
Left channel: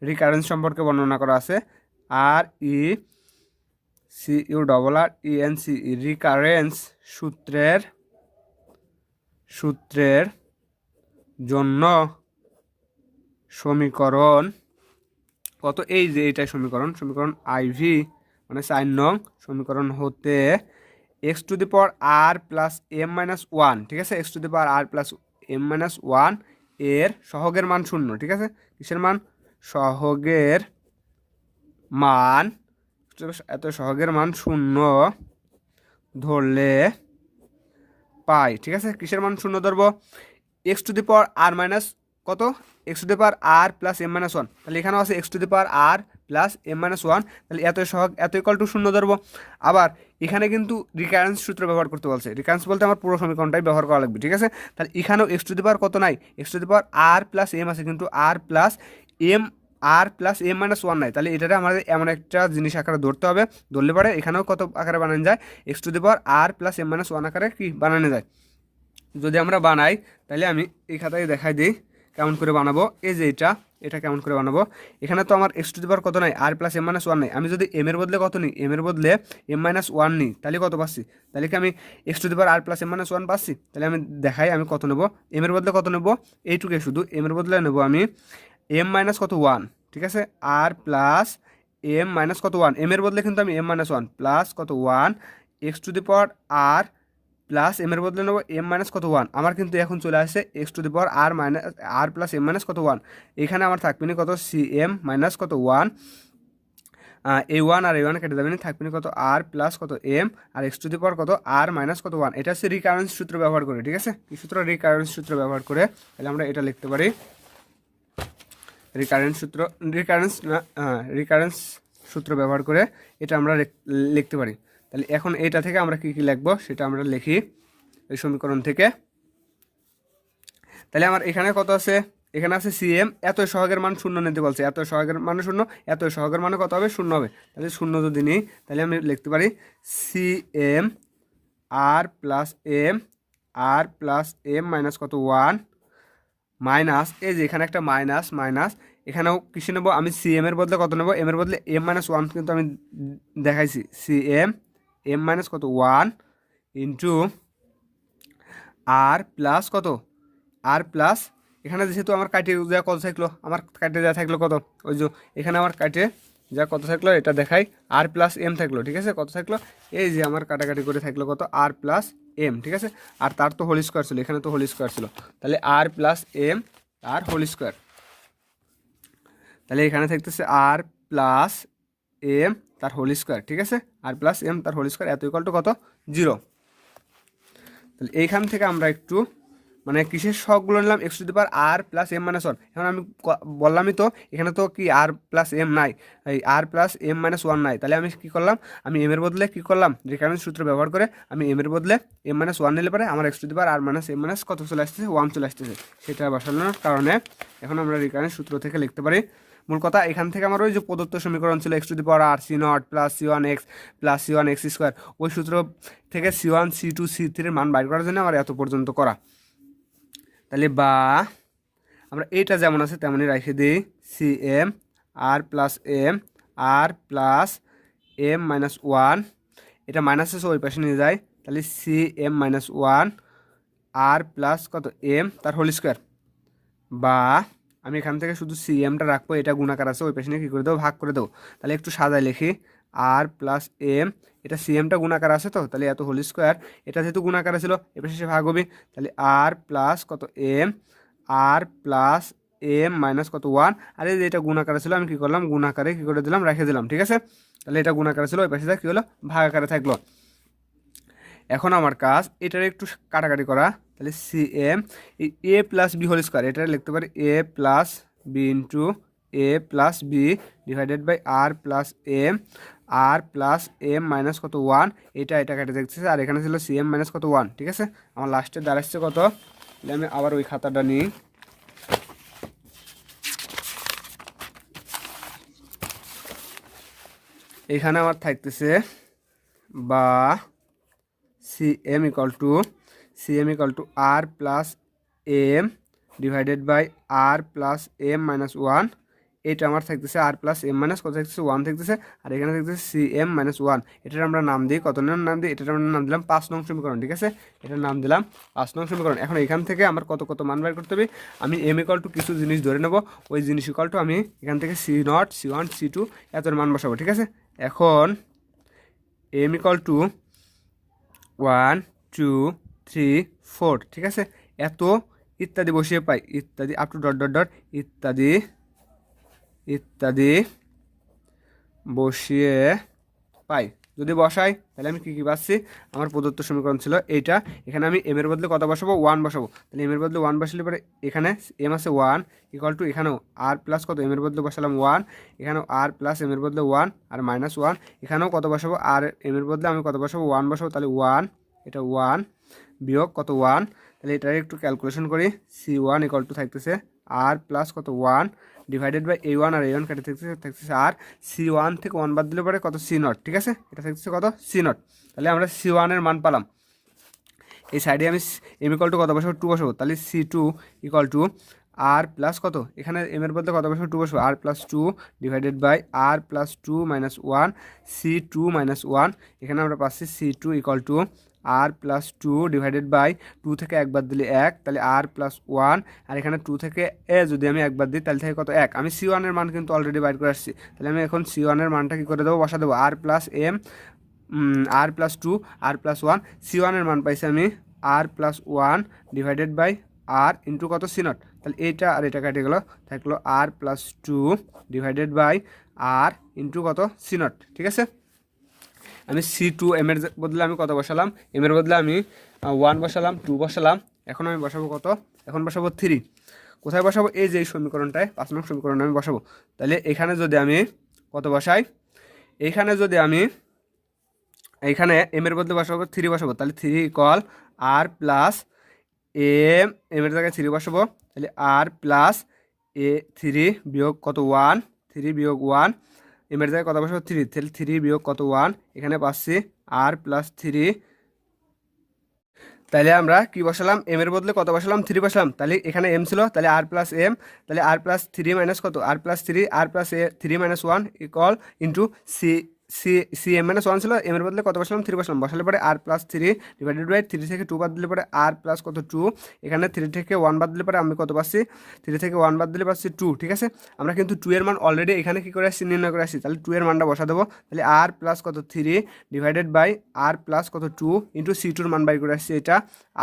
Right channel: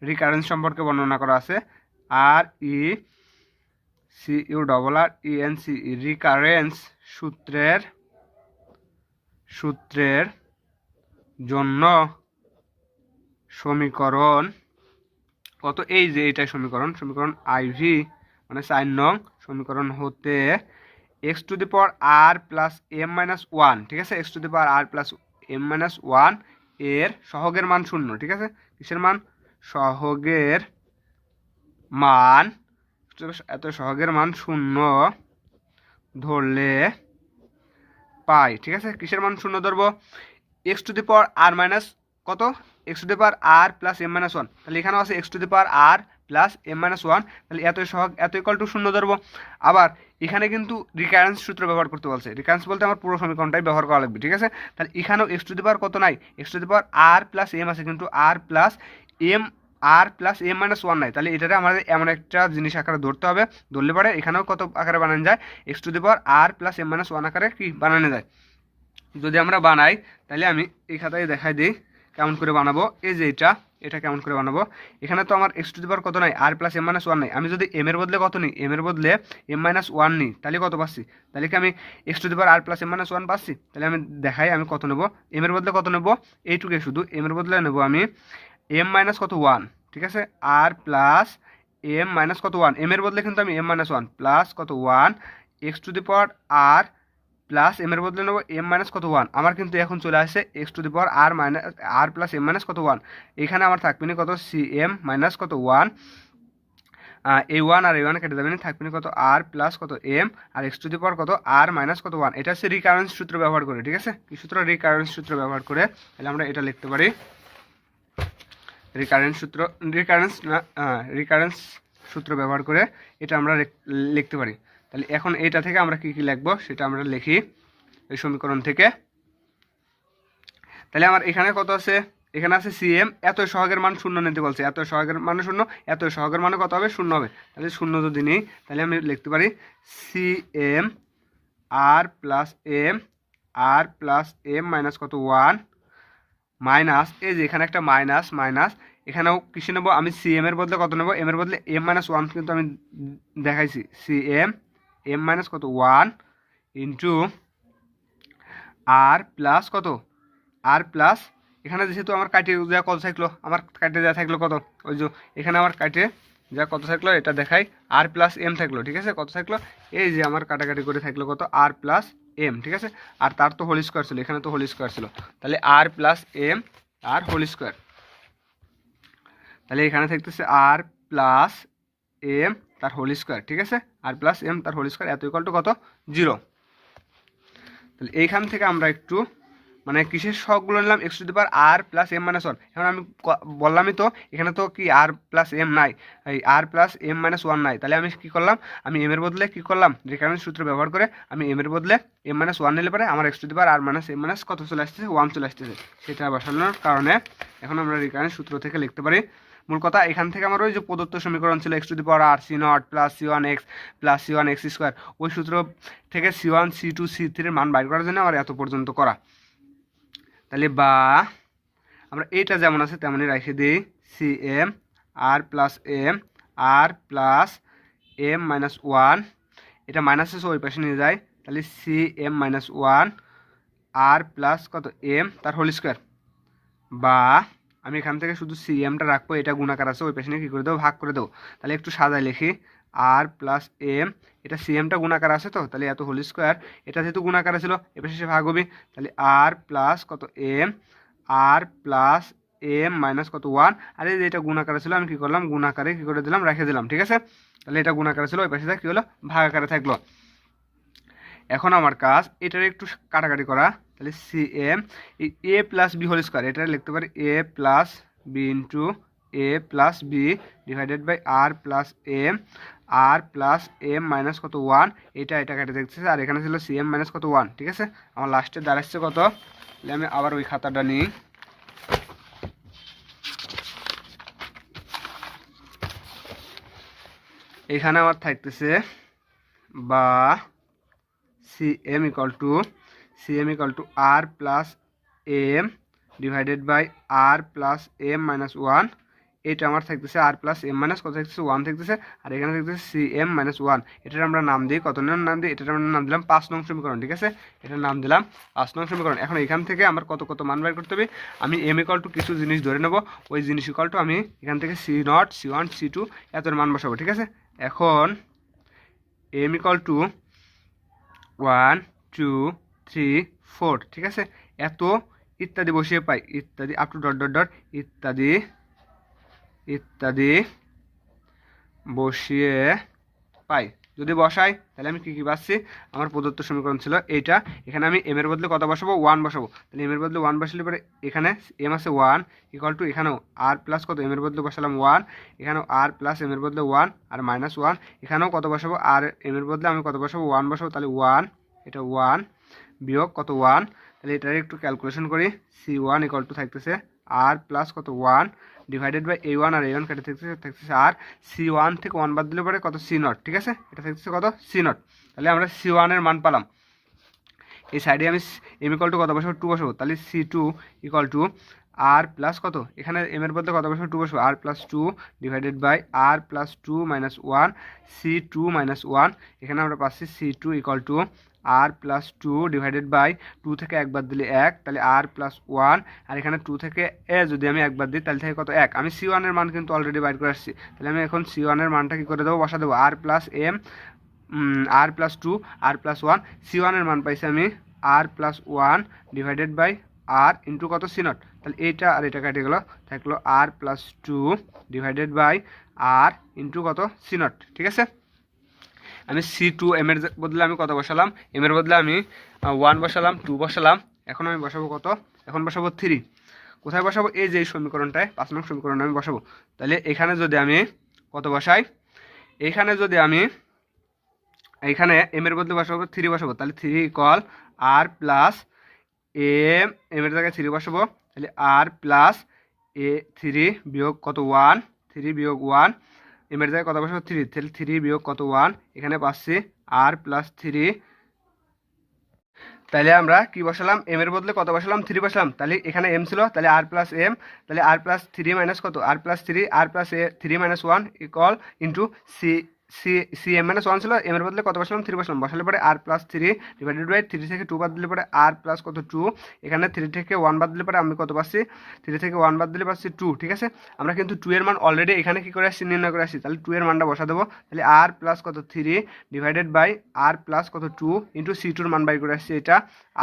রিকারেন্স সম্পর্কে বর্ণনা করা আছে। আর ই সি ইউ ডবল আর ই এন সি, রিকারেন্স সূত্রের জন্য সমীকরণ কত, এই যে এইটাই সমীকরণ আইভি মানে 4 নং সমীকরণ হতে x to the power r plus m minus 1, ঠিক আছে, x to the power r plus m minus 1 এর সহগের মান 0, ঠিক আছে। কিসের মান, সহগের মান, এত সহগের মান 0 ধরলে পাই, ঠিক আছে। কিসের মান 0 ধরবো, x to the power r minus কত, x to the power r plus m minus 1, তাহলে এখানেও আছে x to the power r plus m minus 1, তাহলে এত সহগ, এত ইকুয়াল টু 0 ধরবো। আবার এখানে কিন্তু রিকারেন্স সূত্র ব্যবহার করতে বলছে, রিকারেন্স বলতে আমার পুরো সমীকরণটাই ব্যবহার করা লাগবে, ঠিক আছে। তাহলে এখানেও এক্স টু দি পাওয়ার কত নাই, x to the power r plus m আছে, কিন্তু আর প্লাস এম মাইনাস 1 নাই, তাহলে এটাতে আমাদের এমন একটা জিনিস আকারে ধরতে হবে, ধরলে পরে এখানেও কত আকারে বানানো যায়, x to the power r plus m minus 1 আকারে কি বানানো যায়। যদি আমরা বানাই, তাহলে আমি এই খাতায় দেখাই দিই কেমন করে বানাবো। এই যে এটা কেমন করে বানাবো, এখানে তো আমার এক্স টু দি পাওয়ার কত নাই, আর প্লাস এম মাইনাস ওয়ান নাই, আমি যদি এম এর বদলে কত নিই, এম এর বদলে এম মাইনাস ওয়ান নিই, তাহলে কত পাচ্ছি, তাহলে কি আমি x to the power r plus m minus one পাচ্ছি, তাহলে আমি দেখাই আমি কত নেবো, এম এর বদলে কত নেবো, এইটুকু শুধু এম এর বদলে নেবো আমি এম মাইনাস কত ওয়ান, ঠিক আছে, আর প্লাস এম মাইনাস কত ওয়ান, এম এর বদলে কিন্তু আমি এম মাইনাস ওয়ান প্লাস কত one x to the power r plus m এর বদলে নেবো এম মাইনাস কত ওয়ান, আমার কিন্তু এখন চলে আসছে x to the power r minus r plus m minus কত ওয়ান, এখানে আমার থাকবে না কত সি এম মাইনাস কত one, a one R A one কেটে যাবে না, থাকবে না কত আর প্লাস কত এম আর এক্স টু দি পাওয়ার কত আর মাইনাস কত ওয়ান, এটা হচ্ছে রিকারেন্স সূত্র ব্যবহার করে, ঠিক আছে, কি সূত্র, রিকারেন্স সূত্র ব্যবহার করে, তাহলে আমরা এটা লিখতে পারি রিকারেন্স সূত্র, রিকারেন্স সূত্র ব্যবহার করে এটা আমরা লিখতে পারি। তাহলে এখন এটা থেকে আমরা কি কি লিখবো সেটা আমরা লিখি এই সমীকরণ থেকে। তাহলে আমার এখানে কত আছে, এখানে আছে সিএম, এত সহগের মান শূন্য নিতে বলছে, এত সহগের মানে শূন্য, এত সহগের মানে কত হবে, শূন্য হবে, তাহলে শূন্য যদি নিই তাহলে আমি লিখতে পারি সিএম আর প্লাস এম মাইনাস কত ওয়ান মাইনাস, এই যে এখানে একটা মাইনাস মাইনাস, এখানেও কিসে নেবো আমি সিএম এর বদলে কত নেবো, এম এর বদলে এম মাইনাস ওয়ান কিন্তু আমি দেখাইছি, সিএম এম মাইনাস কত ওয়ান ইন্টু আর প্লাস কত আর প্লাস, এখানে যেহেতু আমার কাটে দেওয়া কত থাকলো, আমার কাটে দেওয়া থাকলো কত, ওই যে এখানে আমার কাটে যা কত থাকলো এটা দেখাই, আর প্লাস এম থাকলো, ঠিক আছে, কত থাকলো, এই যে আমার কাটাকাটি করে থাকলো কত আর প্লাস এম, ঠিক আছে, আর তার তো হোল স্কোয়ার ছিল, এখানে তো হোল স্কোয়ার ছিল, তাহলে আর প্লাস এম আর হোল স্কোয়ার, তাহলে এখানে থাকতেছে আর প্লাস এম তার হোল স্কোয়ার, ঠিক আছে, আর প্লাস এম তার হোল স্কোয়ার এত ইকুয়াল টু কত 0। তাহলে এইখান থেকে আমরা একটু মানে কিসের সহগগুলো নিলাম, x to the power r plus m minus one, এখন আমি বললামই তো এখানে তো কি আর প্লাস এম নাই, এই আর প্লাস এম মাইনাস ওয়ান নাই, তাহলে আমি কি করলাম, আমি এম এর বদলে কি করলাম, রিকারেন্স সূত্র ব্যবহার করে আমি এম এর বদলে এম মাইনাস ওয়ান নিলে পরে আমার x to the power r minus m minus কত চলে আসতেছে, ওয়ান চলে আসতেছে, সেটা বসানোর কারণে এখন আমরা রিকারেন্স সূত্র থেকে লিখতে পারি, মূল কথা এখান থেকে আমার ওই যে প্রদত্ত সমীকরণ ছিল x to the power r C naught plus C one x plus C one x square, ওই সূত্র থেকে C one C two C থ্রির মান বাইর করার জন্য আমার এত পর্যন্ত করা, তাহলে বা আমরা এইটা যেমন আছে তেমনই রেখে দিই C M r plus m minus one, এটা মাইনাস আছে ওই পাশে নিয়ে যায়, তাহলে সি এম মাইনাস ওয়ান আর প্লাস কত এম তার হোল স্কোয়ার, বা আমি এখান থেকে শুধু সি এমটা রাখবো, এটা গুণাকার আছে ওই পাশে নিয়ে কী করে দেবো, ভাগ করে দেবো, তাহলে একটু সাজায় লিখি আর প্লাস এম, এটা সি এমটা গুণাকার আছে তো, তাহলে এত হোল স্কোয়ার, এটা যেহেতু গুণাকার ছিল এবার শেষে ভাগ হবে, তাহলে আর প্লাস কত m r plus m minus কত ওয়ান, আর এই যে এটা গুণাকারে ছিল আমি কী করলাম গুণাকারে কী করে দিলাম রেখে দিলাম, ঠিক আছে, তাহলে এটা গুণাকারে ছিল ওই পাশে কী হলো ভাগ আকারে থাকলো। এখন আমার কাজ এটার একটু কাটাকাটি করা, তাহলে C m a plus B whole square, এটা লিখতে পারি a plus b into a plus b divided by r plus m minus কত ওয়ান, এটা কেটে দেখতেছে, আর এখানে ছিল সি এম মাইনাস কত ওয়ান, ঠিক আছে, আমার লাস্টে দাঁড়াচ্ছে কত, তাহলে আমি আবার ওই খাতাটা নিই, এখানে আমার থাকতেছে বা C M equal to r plus m divided by r plus m minus one, এটা আমার থাকতেছে আর প্লাস এম মাইনাস কত থাকতেছে ওয়ান থাকতেছে, আর এখানে থাকতেছে সি এম মাইনাস ওয়ান, এটার আমরা নাম দিই কত নাম দিই, এটার আমরা নাম দিলাম 5 নং সমীকরণ, ঠিক আছে, এটার নাম দিলাম 5 নং সমীকরণ। এখন এখান থেকে আমার কত মান বের করতে হবে, আমি এম ইকাল টু কিছু জিনিস ধরে নেব, ওই জিনিস ইকাল টু আমি এখান থেকে c naught c one C two এতর মান বসাবো, ঠিক আছে, এখন এম ইকাল টু 1 2 3 4, ঠিক আছে, এত ইত্যাদি বসিয়ে পাই, ইত্যাদি আপ টু ডট ইত্যাদি বসিয়ে পাই, যদি বসাই তাহলে আমি কী পাচ্ছি, আমার প্রদত্ত সমীকরণ ছিল এইটা, এখানে আমি এম এর বদলে কত বসাবো 1 বসাবো, তাহলে এম এর বদলে 1 বসালে পরে এখানে এম আছে 1 ইকুয়াল টু এখানেও আর প্লাস কত এম এর বদলে বসালাম 1, এখানেও আর প্লাস এম এর বদলে 1 আর মাইনাস 1, এখানেও কত বসাবো আর এম এর বদলে আমি কত বসাবো 1 বসাবো, তাহলে 1 এটা 1 বিয়োগ কত 1, তাহলে এটার একটু ক্যালকুলেশন করি, সি ওয়ান ইকুয়াল টু থাকতেছে আর প্লাস কত 1 divided by A one R A one কেটে থাকতেছে আর সি ওয়ান থেকে 1 বাদ দিলে পরে কত সি নট, ঠিক আছে, এটা থাকতেছে কত সি নট, তাহলে আমরা সি ওয়ানের মান পালাম, এই সাইডে আমি এম ইকুয়াল টু কত বসাবো 2 বসাবো, তাহলে c two equal to r plus কত, এখানে এম এর বদলে কত বসবো, টু বসবো, r plus two divided by r plus two minus one C two minus one, এখানে আমরা পাচ্ছি c two equal to r plus two divided by two থেকে একবার দিলে এক, তাহলে আর প্লাস ওয়ান, আর এখানে টু থেকে এ যদি আমি একবার দিই তাহলে থেকে কত এক। আমি সি ওয়ানের মান কিন্তু অলরেডি বাইর করে আসছি, তাহলে আমি এখন সি ওয়ানের মানটা কী করে দেবো, বসা দেবো r plus m r plus two r plus one, c ওয়ানের মান পাইছি আমি r plus one divided by r into কত সি নট, তাহলে এইটা আর এটা কেটে গেলো, থাকলো r plus two divided by r into কত সি নট। ঠিক আছে, আমি সি টু এম এর বদলে আমি কত বসালাম, এম এর বদলে আমি ওয়ান বসালাম, টু বসালাম, এখন আমি বসাবো কত, এখন বসাবো থ্রি। কোথায় বসাবো, এই যে এই সমীকরণটায় 5 নং সমীকরণে আমি বসাবো। তাহলে এখানে যদি আমি কত বসাই, এইখানে যদি আমি এইখানে এম এর বদলে বসাবো থ্রি বসাবো, তাহলে থ্রি ইকুয়াল আর প্লাস এম এর জায়গায় থ্রি বসাবো, তাহলে আর প্লাস এ থ্রি বিয়োগ কত ওয়ান, থ্রি বিয়োগ ওয়ান, এম এর জায়গায় কত বসাবো থ্রি, তাহলে থ্রি বিয়োগ কত ওয়ান, এখানে পাচ্ছি আর প্লাস থ্রি। তাহলে আমরা কি বসালাম, এম এর বদলে কত বসালাম, থ্রি বসালাম, তাহলে এখানে এম ছিল, তাহলে আর প্লাস এম, তাহলে আর প্লাস থ্রি মাইনাস কত, r plus three, r plus a three minus one equal into c c c m minus one ছিল, এম এর বদলে কত বসালাম, থ্রি বসালাম, বসালে পরে r plus three divided by three থেকে টু বাদ দিলে পরে আর প্লাস কত টু, এখানে থ্রি থেকে ওয়ান বাদ দিলে পরে আমি কত পাচ্ছি, থ্রি থেকে ওয়ান বাদ দিলে পাচ্ছি টু। ঠিক আছে, আমরা কিন্তু টু এর মান অলরেডি এখানে কী করে আসছি, নির্ণয় করে আসছি, তাহলে টু এর মানটা বসা দেবো, তাহলে আর প্লাস কত three divided by r plus কত টু ইন্টু সি টুর মান বাই করে আসছি, এটা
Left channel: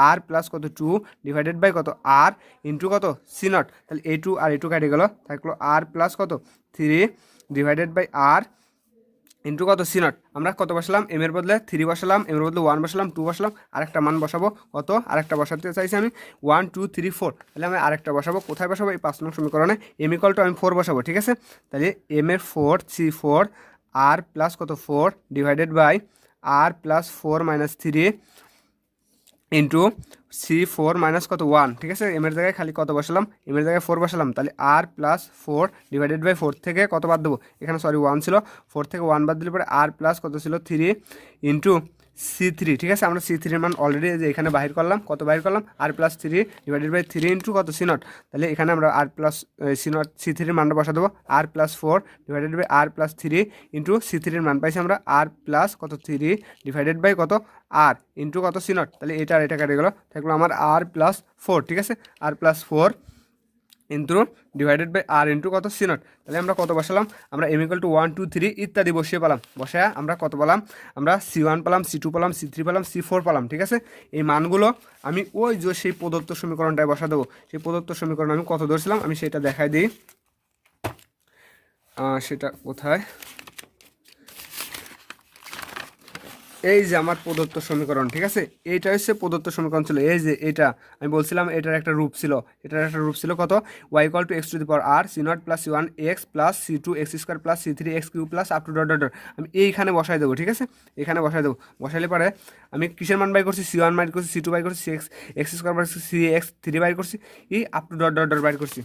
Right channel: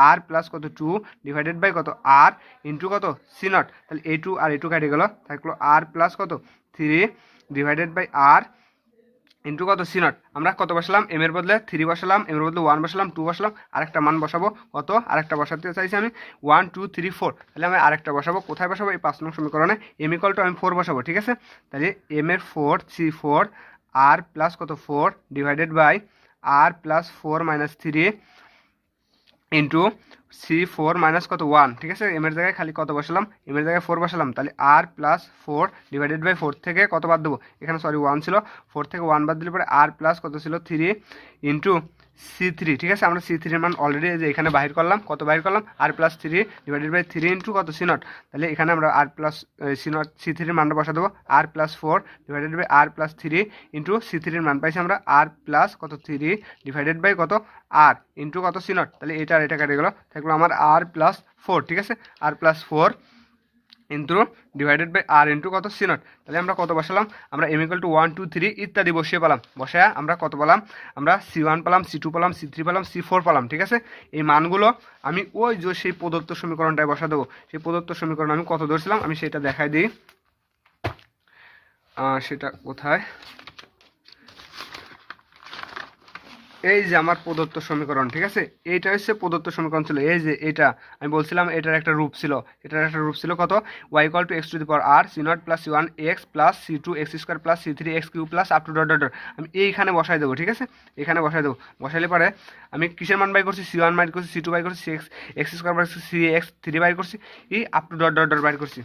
আর প্লাস কত টু ডিভাইডেড বাই কত আর ইন্টু কত সি নট, তাহলে A two r A two কেটে গেল, থাকলো আর প্লাস কত three divided by r into কত সি নট। আমরা কত বসালাম, এম এর বদলে থ্রি বসালাম, এম এর বদলে ওয়ান বসালাম, টু বসালাম, আরেকটা মান বসাবো কত, আরেকটা বসাতে চাইছি আমি ওয়ান টু থ্রি ফোর, তাহলে আমি আরেকটা বসাবো, কোথায় বসাবো, এই 5 নং সমীকরণে এম ইকুয়াল টু আমি ফোর বসাবো। ঠিক আছে, তাহলে এম এর four C four r plus কত four divided by r plus four minus three into C four minus কত ওয়ান। ঠিক আছে, এম এর জায়গায় খালি কত বসালাম, এম এর জায়গায় ফোর বসালাম, তাহলে r plus four divided by four থেকে কত বাদ দেবো, এখানে সরি ওয়ান ছিল, ফোর থেকে ওয়ান বাদ দিলে পরে আর প্লাস কত ছিল থ্রি ইন্টু সি থ্রি। ঠিক আছে, আমরা সি থ্রির মান অলরেডি যে এখানে বাহির করলাম, কত বাহির করলাম, r plus three divided by three into কত সি নট, তাহলে এখানে আমরা r plus c naught c থ্রির মানটা বসা দেবো, r plus four divided by r plus three into c থ্রির মান পাইছি আমরা আর প্লাস কত থ্রি ডিভাইডেড বাই কত আর ইন্টু কত সি নট, তাহলে এটা আর এটা কেটে গেলো, থাকলো আমার আর প্লাস ফোর। ঠিক আছে, r plus four into divided by r into কত সি নট, তাহলে আমরা কত বসালাম, আমরা m equal to one two three ইত্যাদি বসিয়ে পেলাম, বসায় আমরা কত পেলাম, আমরা সি ওয়ান পেলাম, সি টু পেলাম, সি থ্রি পেলাম, সি ফোর পেলাম। ঠিক আছে, এই মানগুলো আমি ওই যে সেই প্রদত্ত সমীকরণটায় বসা দেবো, সেই প্রদত্ত সমীকরণ আমি কত ধরছিলাম আমি সেটা দেখাই দিই, সেটা কোথায়, এই যে আমার প্রদত্ত সমীকরণ। ঠিক আছে, এইটা হচ্ছে প্রদত্ত সমীকরণ ছিল, এই যে এটা আমি বলছিলাম এটার একটা রূপ ছিল, এটার একটা রূপ ছিল কত, y equal to x to the power r C naught plus C one x plus C two x square plus C three x cube plus up to dot dot dot, আমি এইখানে বসাই দেবো। ঠিক আছে, এখানে বসাই দেবো, বসাইলে পরে আমি কিসের মান বাই করছি, সি ওয়ান বাই করছি, সি টু বাই করছি, সি এক্স এক্স স্কোয়ার বাই করছি, সি এক্স থ্রি বাই করছি, এই up to dot dot dot বাই করছি।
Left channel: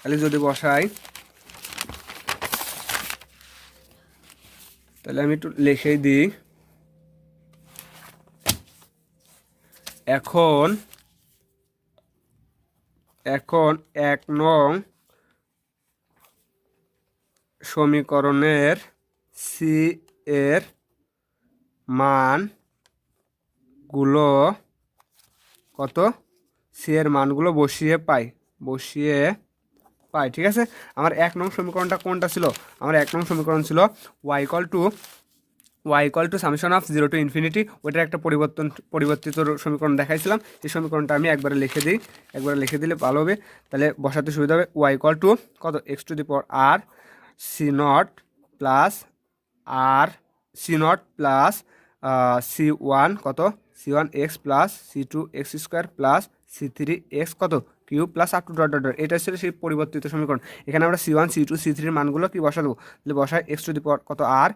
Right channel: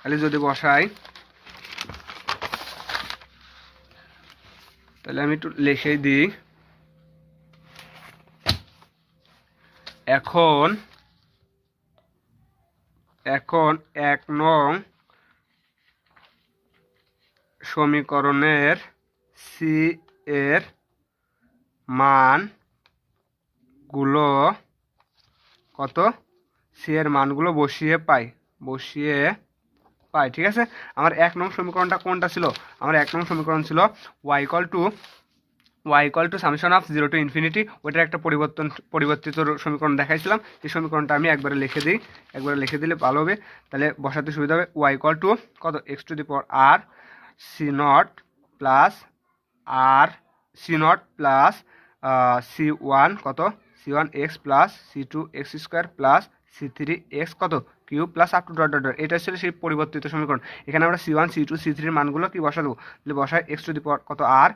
তাহলে যদি বসাই, তাহলে আমি একটু লিখেই দিই, এখন এক নং সমীকরণের সি এর মানগুলো কত, সি এর মানগুলো বসিয়ে পাই। ঠিক আছে, আমার 1 নং সমীকরণটা কোনটা ছিল, আমার 1 নং সমীকরণ ছিল y equal to summation of zero to infinity, ওইটার একটা পরিবর্তিত সমীকরণ দেখাইছিলাম, এই সমীকরণটা আমি একবারে লিখে দিলে ভালো হবে, তাহলে বসাতে সুবিধা হবে। ওয়াই ইকুয়াল টু কত, x to the power r C naught plus r C naught plus C one কত, c one x plus C two x square plus C three x কত cube plus up to dot dot dot, এটা ছিল সেই পরিবর্তিত সমীকরণ। এখানে আমরা c one C two C থ্রির মানগুলো কি বসা দেবো, তাহলে বসায় এক্স টু দি পাওয়ার কত আর,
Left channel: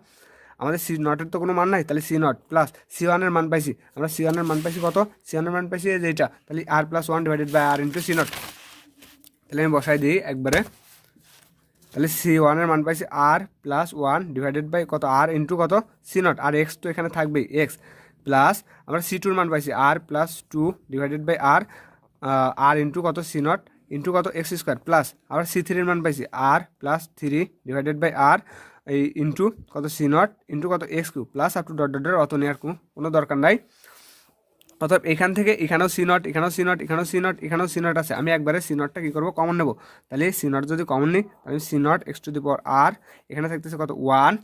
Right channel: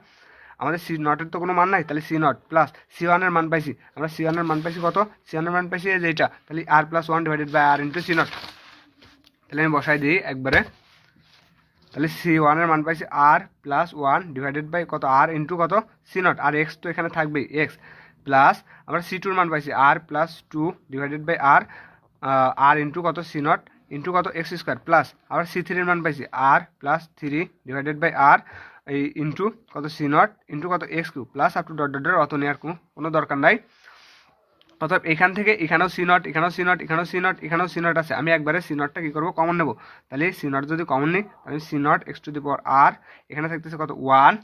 আমাদের সি নটের তো কোনো মান নাই, তাহলে সি নট প্লাস সি ওয়ানের মান পাইছি, আমরা সি ওয়ানের মান পাইছি কত, সি ওয়ানের মান পাইছি এই যে এটা, তাহলে r plus one divided by r into c naught, তাহলে আমি বসাই দিই একবারে, তাহলে সি ওয়ানের মান পাইছি r plus one divided by কত আর ইন্টু কত সি নট, আর এক্স তো এখানে থাকবেই এক্স, প্লাস আমরা সি টুর মান পাইছি r plus two divided by r into কত সি নট ইন্টু কত এক্স স্কোয়ার প্লাস আবার সি থ্রির মান পাইছি r plus three divided by r এই ইন্টু কত সি নট ইন্টু কত x cube plus up to dot dot অত নেওয়ার কোনো দরকার নাই। অর্থাৎ এখান থেকে এখানেও সি নট এখানেও সি নট এখানেও সি নট এখানেও সি নট আছে, আমি একবারে সি নটটা কী করবো কমন নেবো। তাহলে সি নট যদি কমন নিই তাহলে C naught x to the power r এখানে থাকতেছে কত one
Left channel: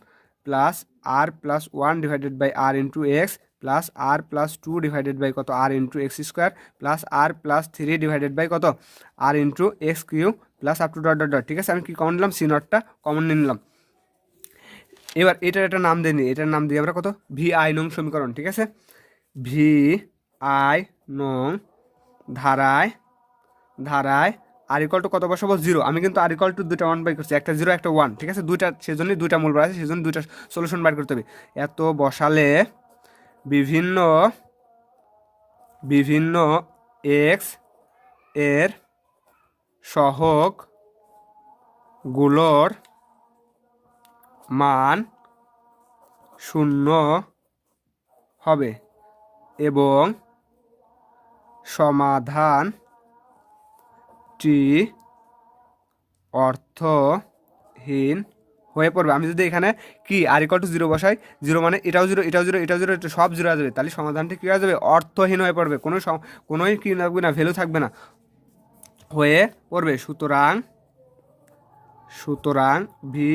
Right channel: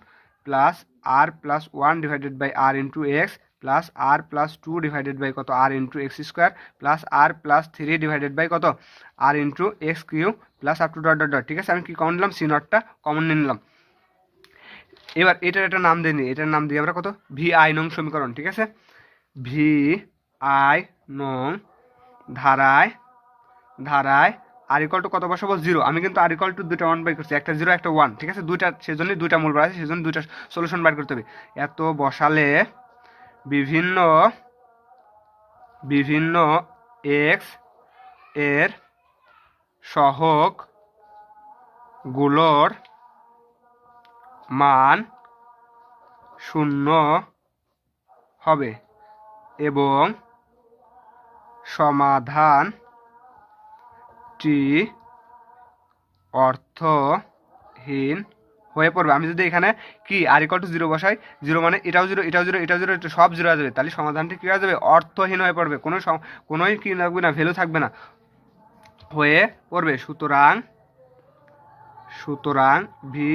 plus R plus one divided by r into x plus R plus two divided by কত r into x square plus R plus three divided by কত r into x cube plus up to dot dot dot. ঠিক আছে, আমি কি common নিলাম C নটটা common নিয়ে নিলাম। এবার এটার একটা নাম দিয়ে নিই, এটার নাম দিই আমরা কত ভি আই নং সমীকরণ। ঠিক আছে, ভি আই নং ধারায় আর ইকুয়াল টু কত বসাবো জিরো। আমি কিন্তু আর ইকুয়াল টু দুইটা মান বাই করছি, একটা জিরো একটা ওয়ান। ঠিক আছে, দুইটা সেজন্যই দুইটা মূল বার আছে, সেজন্য দুইটা সলিউশন বার করতে হবে। এত বসালে বিভিন্ন এক্স এর সহগ গুলোর মান শূন্য হবে এবং সমাধানটি অর্থহীন হয়ে পড়বে। আমি যদি এখানে কি আর ইকুয়াল টু জিরো বসাই, জিরো মানে এটাও জিরো এটাও জিরো এটাও জিরো, সব জিরো হয়ে যাবে, তাহলে সমাধানটি কী হয়ে যাবে অর্থহীন হয়ে পড়বে, কোনোই কি থাকবে না, ভ্যালু থাকবে না, হয়ে পড়বে। সুতরাং ভি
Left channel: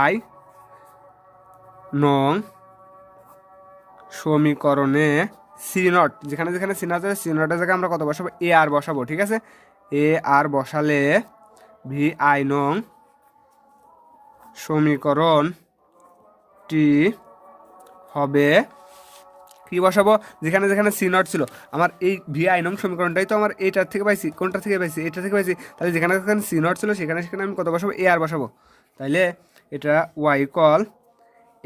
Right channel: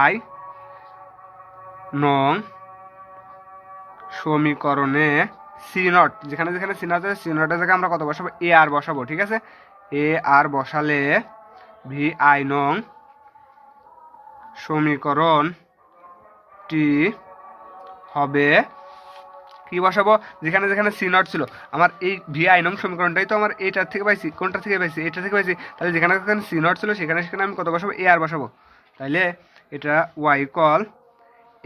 আই নং সমীকরণে সি নট যেখানে যেখানে সি নট আছে সি নটের জায়গায় আমরা কত বসাবো এ আর বসাবো। ঠিক আছে, এ আর বসালে ভি আই নং সমীকরণটি হবে কি বসাবো, যেখানে যেখানে সি নট ছিল আমার এই ভি আই নং সমীকরণটাই তো আমার এইটার থেকে পাইছি, কোনটার থেকে পাইছি এটা থেকে পাইছি, তাহলে যেখানে যেখানে সি নট ছিল সেখানে সেখানে আমি কত বসাবো এ আর বসাবো। তাইলে এটা y equal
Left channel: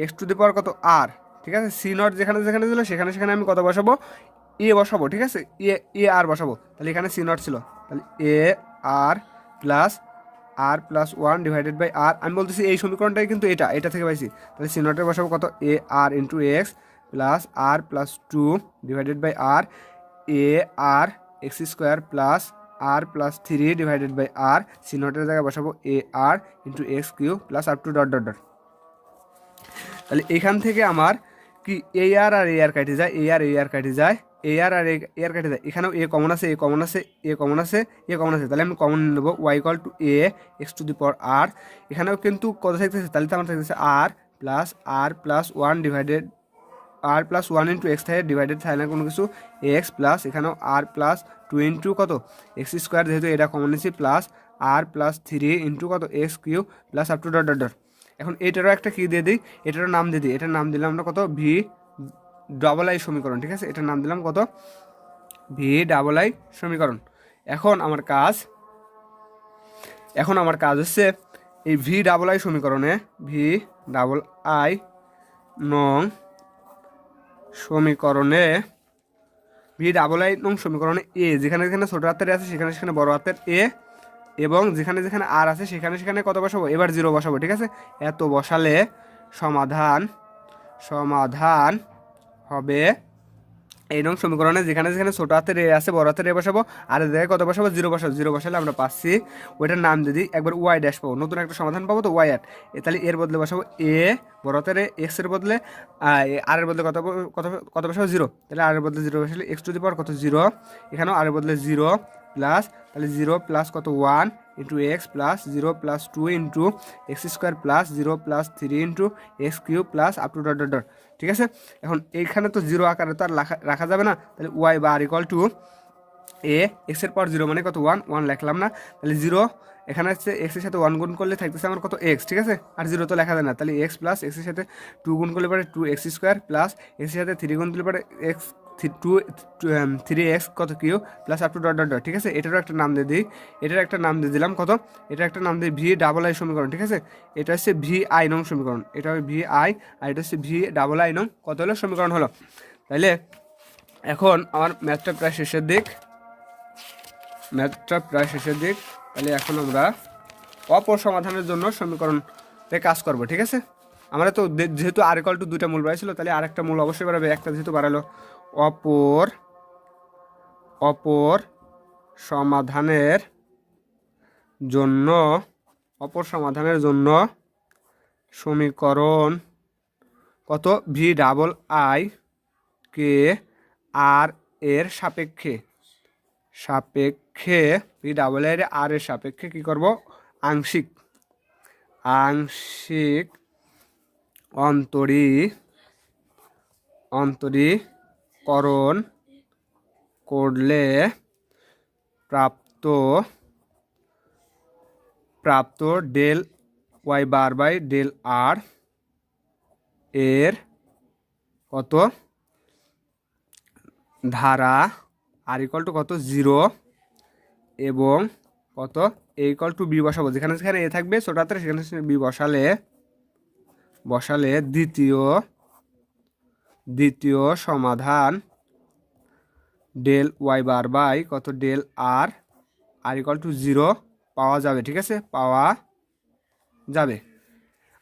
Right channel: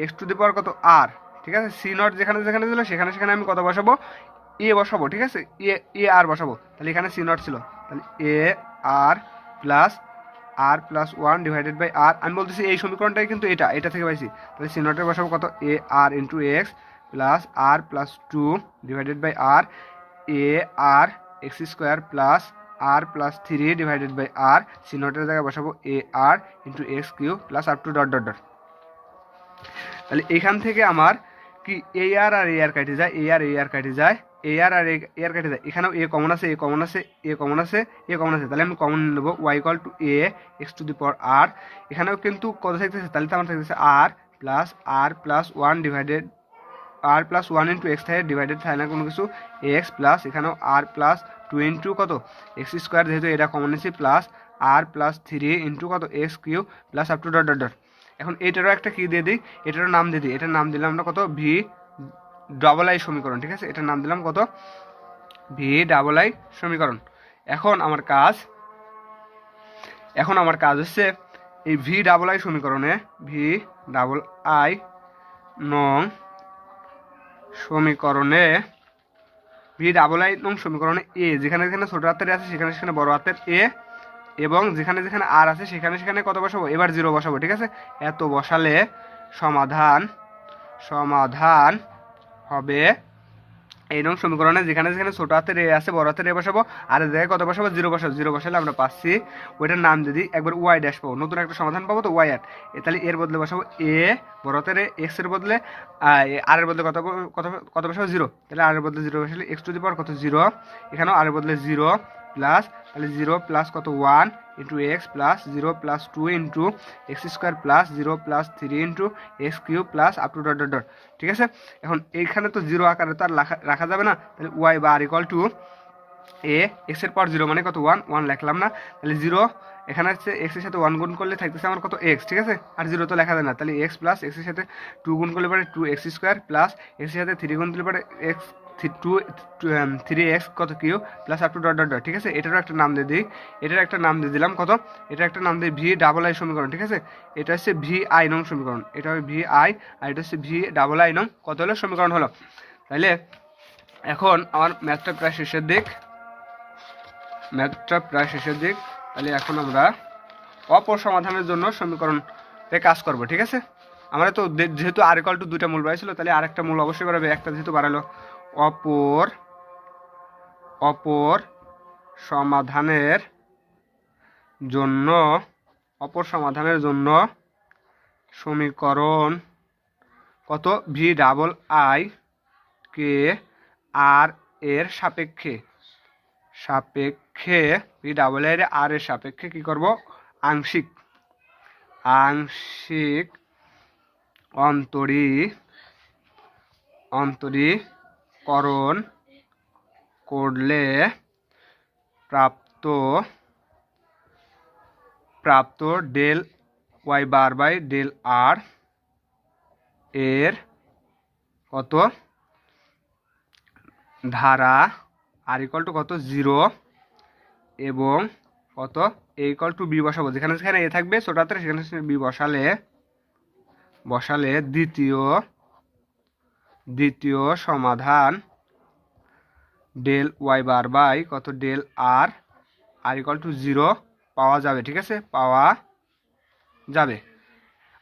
x to the power কত আর। ঠিক আছে, সি নট যেখানে যেখানে ছিল সেখানে সেখানে আমি কত বসাবো এ বসাবো। ঠিক আছে, এ আর বসাবো, তাহলে এখানে সি নট ছিল, তাহলে এ আর প্লাস ওয়ান ডিভাইডেড বাই আর। আমি বলতেছি এই সমীকরণটাই কিন্তু এটা থেকে পাইছি, তাহলে সি নটের বসাবো কত a r into x plus R plus two divided by r a r x square plus R plus three divided by r C নটের জায়গায় বসাবো a r into x cube plus up to dot dot dot. তাহলে এখান থেকে আমার কি এ আর a আর কেটে যায়, এ আর কেটে যায়, এ আর কেটে যায়, এখানেও এ কমন আছে এ কমন আছে এ কমন আছে এ কমন আছে, তাহলে আমি কমন নেবো y equal to a x to the power r. এখানেও কিন্তু কত থাকতেছে, তাহলে তো আমার থাকতেছে r plus one divided r plus one into x থাকে ডিভাইডেড থাকে না কোনো কিছু এক্স প্লাস এখানেও আর প্লাস টু ইন্টু কত এক্স স্কোয়ার, যেহেতু এটা কমন নিচ্ছি, প্লাস আর প্লাস থ্রি ইন্টু কত x cube plus up to dot dot dot. এখন এটারও একটা কী দিয়ে দিই, এটারও নাম দিয়ে দিই, এটার নাম দিলাম আমরা কত ভি ডাবল আই সমীকরণ। ঠিক আছে, এটার নাম দিলাম কত ভি ডাবল আই সমীকরণ। এখন আমার কাজ হচ্ছে এই ভি ডাবল আই সমীকরণে ভি ডাবল আই নং সমীকরণে এ যেখানে যেখানে ছোটো হাতের আছে সেখানে সেখানে বড় হাতের এ এবং যেখানে যেখানে আর আছে সেখানে সেখানে কত বসাবো এবার জিরো বসাবো। ঠিক আছে, এত বসালে সমাধান হবে এই নং সমীকরণে যেখানে যেখানে ছোটো হাতের এ আছে বড় হাতের এ বসাবো আর জায়গায় কত বসাবো জিরো বসাবো। জিরো বসালে আমরা পাচ্ছি ওইটার নাম যদি একবার ওয়াই ড্যাশ পাবো, নতুন একটা সমাধান পাবো তো ওয়াই আর। তাহলে এর বদলে বসাবো এ বড় হাতের এক্স এর বদলে আর এর বদলে কত কত বসাবো জিরো, তাহলে আর এর বদলে জিরো বসালে এক্স টু দি পাওয়ার কত জিরো, এখানেও আর এর বদলে জিরো প্লাস তাহলে জিরো প্লাস কত one into x plus zero plus two into x square plus zero plus three into x cube plus up to dot dot dot. ঠিক আছে, এখন এইখানে তো জিরো আকারে তো আর রাখা যাবে না, তাহলে ওয়াই বা আর ইকুয়াল টু এ এক্সের পর জিরো মানে কত ওয়ান লিখলাম না, তাহলে জিরো এখানে হচ্ছে এক্সের সাথে ওয়ান গুণ করলে থাকতেছে আমার কত এক্স। ঠিক আছে, আর জিরো তো লেখা যায় না, তাহলে এক্স প্লাস এক্সের সাথে টু গুণ করলে পরে টু এক্স স্কোয়ার প্লাস এক্সের সাথে থ্রি গুণ দিলে পরে এক্স থ্রি এক্স কত cube plus up to dot dot dot. ঠিক আছে, এটারও একটা নাম দিয়ে দিই, এটার একটা নাম দিয়ে দিলাম কত, এটার একটা নাম দিই ভি ডাবল আই সমীকরণ। ঠিক আছে, এটা হচ্ছে ভি আই নং সমীকরণ, এটা হবে ভি আই আর এটা হচ্ছে ভি ডাবল আই নং কত হলো সমীকরণ হলো। তাইলে এখন আমার ম্যাথটা প্রায় শেষের দিক, তাহলে এখন আমরা অপর সমাধানের জন্য সমীকরণে কাজ করব। ঠিক আছে, আমরা তো যেহেতু আর ইকুয়াল টু দুইটা মূল বাড়াইছিল তাহলে আরেকটা মূল অবশ্যই বাড়াবে, একটা যেহেতু বাড়ালো অপর সমাধানের জন্য অপর সমাধানের জন্য সমীকরণ কত ভি ডাবল আই কে আর এর সাপেক্ষে ভি ডাবল আই আর এর সাপেক্ষে কি করব আংশিক অন্তরীকরণ করলে প্রাপ্ত del y bar by del r এর কত ধারা আর ইকুয়াল টু কত 0 এবং কত এ ইকুয়াল টু বি বসাবো, যেখানে যেখানে এ থাকবে ছোট হাতের সেখানে সেখানে বি বসালে দ্বিতীয় সমাধান ডেল ওয়াই বার বাই কত ডেল আর ইকুয়াল টু 0 পাওয়া যাবে। ঠিক আছে, পাওয়া যাবে।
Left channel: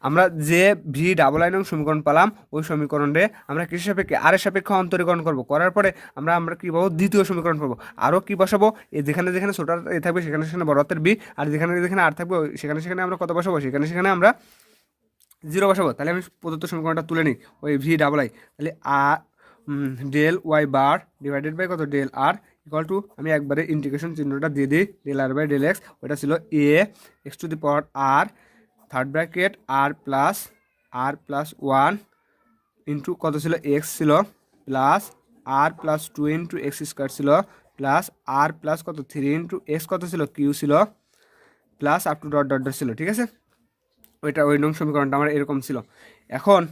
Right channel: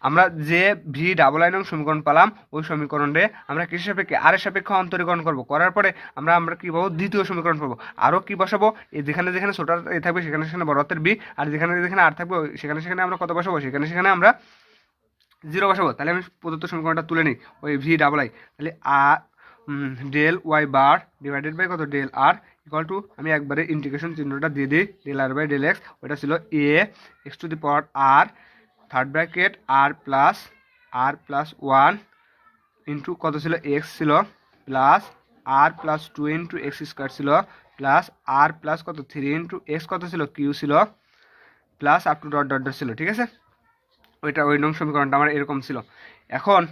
আমরা যে ভি ডাবল আই নং সমীকরণ পেলাম ওই সমীকরণে আমরা কিসের সাপেক্ষে আর এর সাপেক্ষে অন্তরীকরণ করবো, করার পরে আমরা কি পাবো দ্বিতীয় সমীকরণ পাবো। আরও কি বসাবো, যেখানে যেখানে ছোট এ থাকবে সেখানে সেখানে বড় হাতের বি, আর যেখানে যেখানে আর থাকবে সেখানে সেখানে আমরা কত বসাবো, সেখানে সেখানে আমরা 0 বসাবো। তাহলে আমি প্রদত্ত সমীকরণটা তুলে নিই, ওই ভি ডাবল আই, তাহলে আর del y bar divided by কত ডেল আর ইকুয়াল টু, আমি একবারে ইন্টিগ্রেশন চিহ্নটা দিয়ে দিই, del r by del x, ওইটা ছিল a x to the power r third bracket r plus 1 into কত ছিল এক্স ছিল প্লাস আর প্লাস 2 ইন্টু এক্স স্কোয়ার ছিল প্লাস আর প্লাস কত 3 ইন্টু এক্স কত ছিল কিউ ছিল plus up to dot dot dot ছিল। ঠিক আছে, ওই নং সমীকরণটা আমার এরকম ছিল। এখন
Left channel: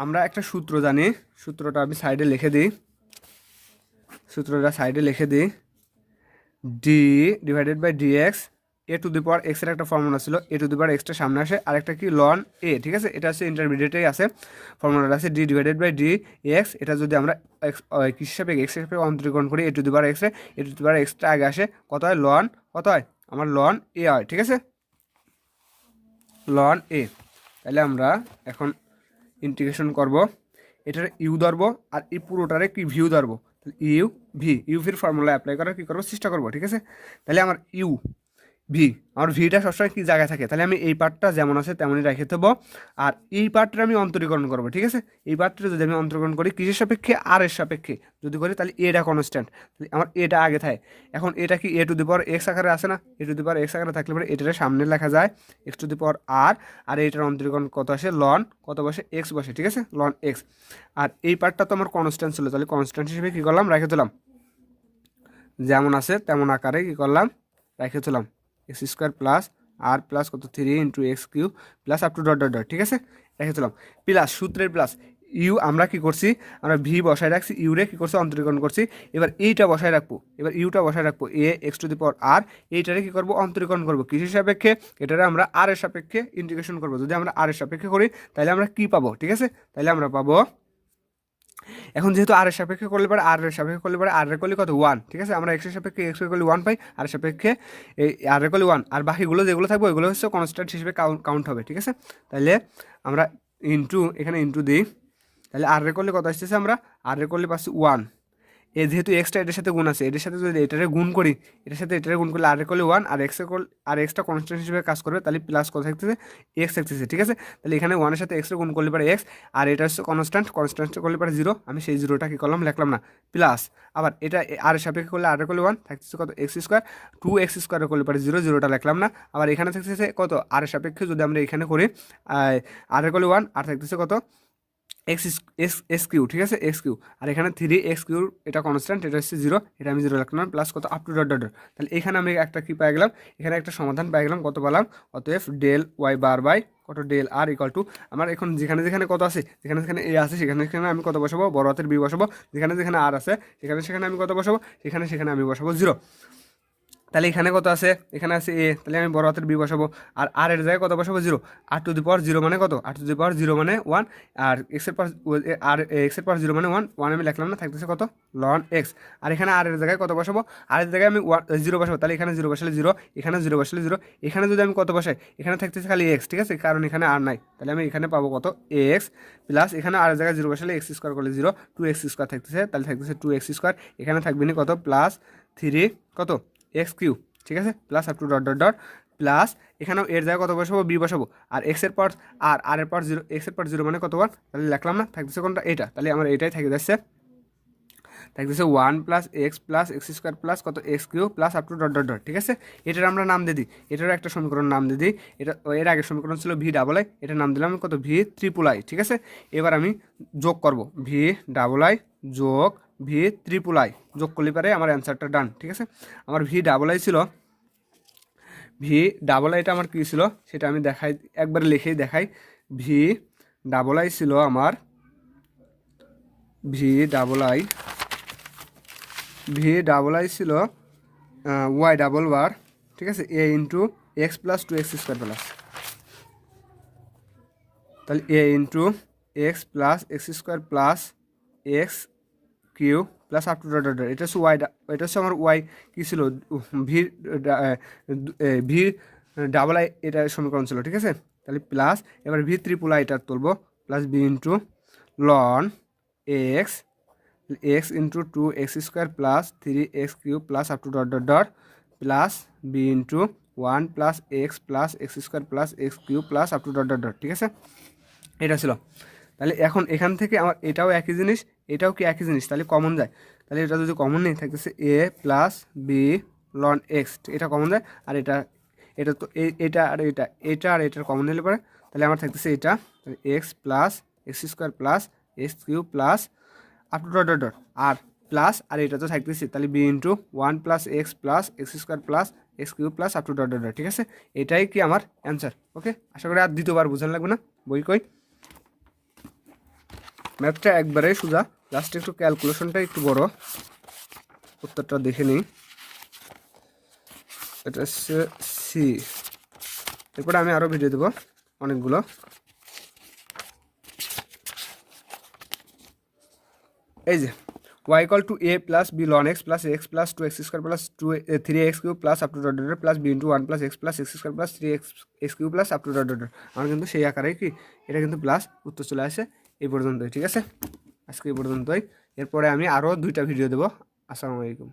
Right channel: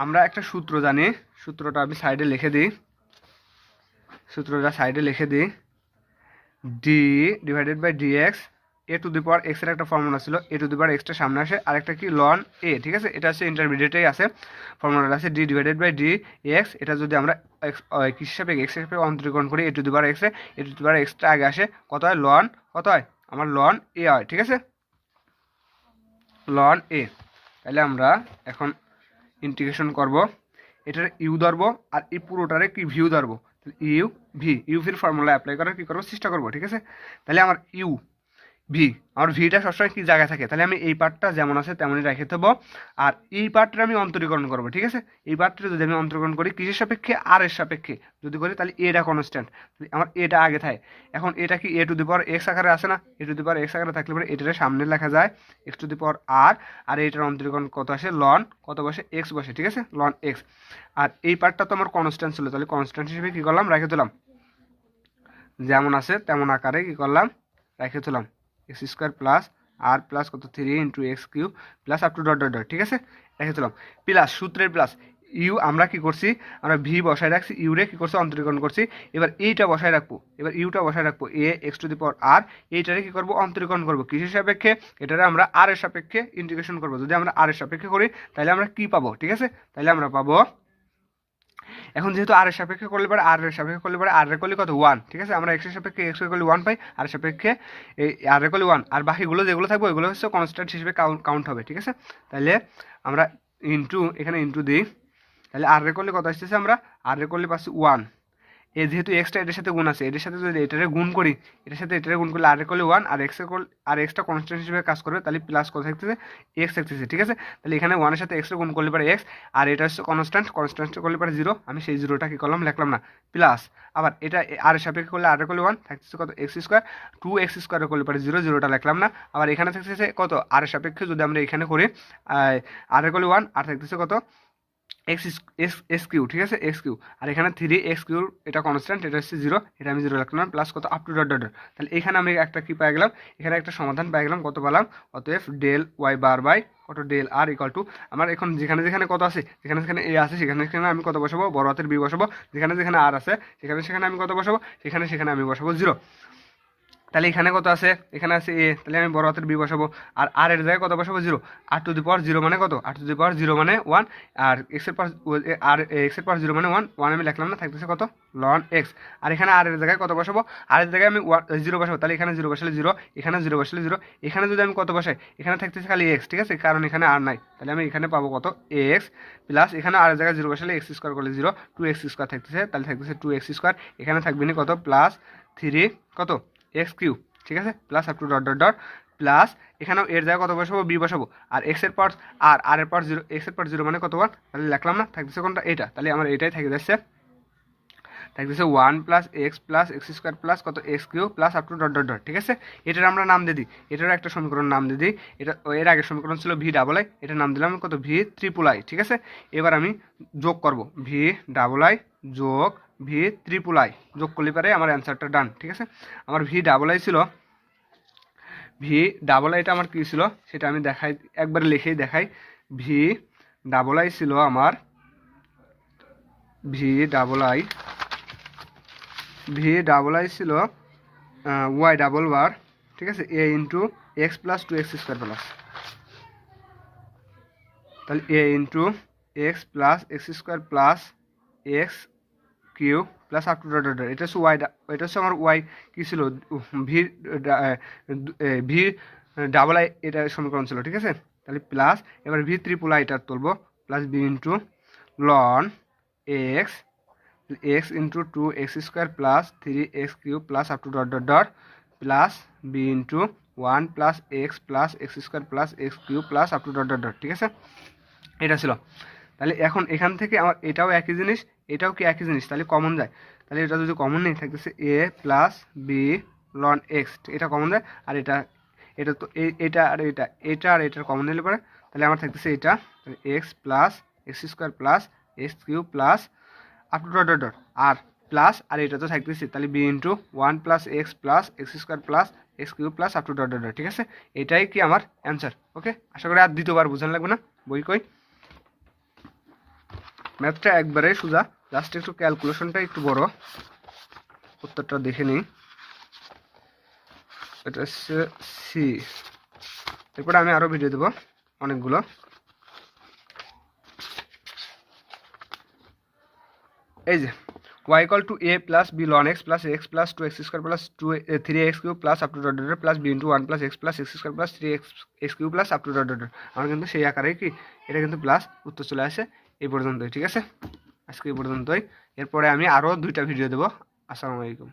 আমরা একটা সূত্র জানি, সূত্রটা আমি সাইডে লিখে দিই, d divided by d x, a to the power এক্সের একটা ফর্মুলা ছিল, এ টু দি পাওয়ার এক্সটা সামনে আসে, আরেকটা কি লন এ। ঠিক আছে, এটা হচ্ছে ইন্টারমিডিয়েটেই আছে, ফর্মুলাটা আছে d divided by d x. এটা যদি আমরা কিসের সাপেক্ষে এক্স সাপেক্ষে অন্তরীকরণ করি, এ টু দি পাওয়ার এক্সে, এ টু দি পাওয়ার এক্সটা আগে আসে, কত হয় লন, কত হয় আমার লন এ হয়। ঠিক আছে, লন এ। তাহলে আমরা এখন ইন্টিগ্রেশন করব, এটার ইউ ধরবো আর এই পুরোটারে কি ভিউ ধরবো, ইউ ভির ফর্মুলা অ্যাপ্লাই করার কী করবো চেষ্টা করবো। ঠিক আছে, তাহলে আমার আমার ভিটা সবসময় কী জায়গায় থাকে, তাহলে আমি এই পার্টটা যেমন আছে তেমনই রেখে দেবো, আর এই পার্টটা আমি অন্তরীকরণ করবো। ঠিক আছে, এই পার্টটা যদি আমি অন্তরীকরণ করি কিসের সাপেক্ষে আর এর সাপেক্ষে যদি করি, তাহলে এটা কনস্ট্যান্ট, তাহলে আমার এটা আগে থাকে। এখন এটা কি এ টু দি পাওয়ার এক্স আকারে আসে না, এ টু দি পাওয়ার এক্স আকারে থাকলে পরে এটার সামনে লেখা যায় এক্স টু দি পাওয়ার আর এইটার অন্তরীকরণ কত আসে লন কত বসে এক্স বসে। ঠিক আছে, লন এক্স। আর এই পার্টটা তো আমার কনস্ট্যান্ট ছিল, তাহলে কনস্ট্যান্ট হিসেবে কী করলাম রেখে দিলাম, যেমন আছে তেমন আকারে কী করলাম রেখে দিলাম, এক্স স্কোয়ার প্লাস আর প্লাস কত 3 into x cube plus up to dot dot dot. ঠিক আছে, রেখে দিলাম প্লাস সূত্রের প্লাস ইউ আমরা কি করছি, আমরা ভি বসায় রাখছি, ইউরে কী করছি অন্তরীকরণ করছি, এবার ইউটা বসায় রাখবো এ এক্স টু দি পাওয়ার আর, এইটারে কী করবো অন্তরীকরণ করবো কিসের সাপেক্ষে, এটারে আমরা আর এর সাপেক্ষে ইন্টিগ্রেশন করবো। যদি আমরা আর এর সাপেক্ষে করি তাহলে আমরা কী পাবো, ঠিক আছে, তাহলে আমরা পাবো, এখন যেহেতু আর এর সাপেক্ষে করলে পরে আর এর করলে কত 1। ঠিক আছে, আমরা এক্সের সাপেক্ষে এক্স করলে 1 পাই, আর এর সাপেক্ষে এই আর এর করলে 1, আর বাকিগুলো যেগুলো থাকবে ওইগুলো হচ্ছে কনস্ট্যান্ট হিসেবে কাউন্ট হবে। ঠিক আছে, তাহলে আমরা এখানে ইন্টু দিই, তাহলে আর এর করলে কত আসতেছে, আমরা আর এর করলে পাচ্ছি 1, যেহেতু এক্সটা এটার সাথে গুণ আছে, এটার সাথে যদি এটারে গুণ করি, এটার সাথে এটারে গুণ করলে আর করলে 1, আর এক্সটা কনস্ট্যান্ট হিসেবে কাজ করবে, তাহলে প্লাস কত থাকতেছে এক্স থাকতেছে। ঠিক আছে, তাহলে এখানে 1-এর সাথে এক্সটা গুণ করলে পারে এক্স, আর এটা হচ্ছে কনস্ট্যান্ট করলে পারে 0, আমি সেই 0টা কী করলাম লিখলাম না, প্লাস আবার এটা আর এর সাপেক্ষে করলে আর করলে 1 থাকতেছে কত এক্স স্কোয়ার, 2x স্কোয়ার করলে পারে 0টা লিখলাম না, আবার এখানে থাকতেছে কত আর এর সাপেক্ষে যদি আমরা এখানে করি আর করলে 1, আর থাকতেছে কত এক্স কিউ। ঠিক আছে, এক্স কিউ, আর এখানে 3x কিউ, এটা কনস্ট্যান্ট, এটা হচ্ছে 0, এটা আমি 0 রাখলাম, প্লাস কত আপ টু ডট ডট। তাহলে এখানে আমি একটা কি পাই গেলাম, এখানে একটা সমাধান পাই গেলাম, কত পেলাম, অতএব ডেল ওয়াই বার বাই কত ডেল আর ইকুয়াল টু, আমার এখন যেখানে যেখানে কত আছে, যেখানে যেখানে এ আছে সেখানে সেখানে আমি কত বসাবো, বড় হাতের বি বসাবো, যেখানে যেখানে আর আছে সেখানে সেখানে আমি কত বসাবো, সেখানে সেখানে আমি বসাবো 0। তাহলে এখানে কত আছে, এখানে আছে এ, তাহলে আমি বড় হাতের বি বসাবো, আর এর জায়গায় কত বসাবো 0, আর টু দি পাওয়ার 0 মানে কত, আর টু দি পাওয়ার 0 মানে 1, আর এক্সের পাওয়ার 0 মানে 1 আমি লিখলাম না, থাকতেছে কত লন এক্স। আর এখানে আর এর জায়গায় কত বসাবো, আর এর জায়গায় আমি 0 বসাবো, তাহলে এখানে 0 বসালে 0, এখানে 0 বসালে 0, এখানে যদি আমি কত বসাই, এখানে থাকতেছে খালি এক্স। ঠিক আছে, কারণ এখানে আর নাই, তাহলে আমি এখানে পাবো কত এক্স, প্লাস এখানে আর এর জায়গায় 0 বসালে এক্স স্কোয়ার করলে 0, 2x স্কোয়ার থাকতেছে, তাহলে থাকতেছে 2x স্কোয়ার, এখানে থাকবে না কত প্লাস 3 কত এক্স কিউ। ঠিক আছে, plus up to dot dot dot plus এখানেও এর জায়গায় কত বসাবো, বি বসাবো, আর এক্সের পাওয়ার আর এর পাওয়ার 0, এক্সের পাওয়ার 0 মানে কতবার, তাহলে লিখলাম না, থাকতেছে কোনটা, এটা, তাহলে আমার এটাই থেকে যাচ্ছে, থাকতেছে 1 প্লাস এক্স স্কোয়ার প্লাস কত x cube plus up to dot dot dot. ঠিক আছে, এটার আমরা নাম দিয়ে দিই, এটারও একটা সমীকরণ নাম দিয়ে দিই। এটা এর আগের সমীকরণ ছিল ভি ডাবল আই, এটার নাম দিলাম কত, ভি ট্রিপল আই। ঠিক আছে, এবার আমি যোগ করব, ভি ডাবল আই যোগ ভি ট্রিপল আই, যোগ করলে পারে আমার অ্যান্সারটা ডান। ঠিক আছে, আমার ভি ডাবল আই ছিল, ভি ডাবল আইটা আমার কী ছিল সেটা আমি দেখাই, একবারে লিখেই দেখাই। ভি ডাবল আই ছিল আমার, ভি ডাবল আই ছিল ওয়াই ডাবল বার, ঠিক আছে, a into x plus 2x square plus, তাহলে a into x plus x square plus x cube plus up to dot dot. এটা হচ্ছে ওয়াই, এটা হচ্ছে আমার ওয়াই কী ছিল, ভি ভি ডাবল আই এটা সমীকরণ ছিল। ঠিক আছে, তাহলে প্লাস এবার ভি ট্রিপল আই এটা তুলবো, plus b into ln x into 2x square plus 3x cube plus up to dot dot dot plus b into 1 plus x square plus x cube plus up to dot dot dot. ঠিক আছে, এটা ছিল। তাহলে এখন এখান থেকে আমার এটাও একই জিনিস, এটাও কি একই জিনিস, তাহলে কমন যায়, তাহলে এটা যদি কমন নেই থাকতেছে এ প্লাস বি লন এক্স, এটা কমন যায়, আর এটা এটা তো এটা আর এটার কমন নিলে পরে তাহলে আমার থাকতেছে এটা, তাহলে x plus x square plus x cube plus up to dot dot dot, আর প্লাস আর এটা তো থাকতেছে, তাহলে b into 1 plus x square plus x cube plus up to dot dot dot. ঠিক আছে, এটাই কি আমার অ্যান্সার। ওকে, আশা করি আর দ্বিতীয়বার বোঝানো লাগবে না, বই কই। ম্যাথটা একবারে সোজা, লাস্টে একটু ক্যালকুলেশনটা একটু বড়, উত্তরটা দেখে নিই। এটা হচ্ছে সি, এরপরে আমি আরও ভিডিও দেবো অনেকগুলো। এই যে y equal to a plus b ln x plus 2x square plus 3x cube plus up to dot dot plus b into 1 plus x square plus 3x cube plus up to dot dot. আমার কিন্তু সেই আকারে কি এটা কিন্তু plus উত্তর চলে আসে এই পর্যন্তই। ঠিক আছে, আজকে এই পর্যন্তই, এরপরে আমি আরও 2টা ভিডিও দেবো। আসসালামু আলাইকুম।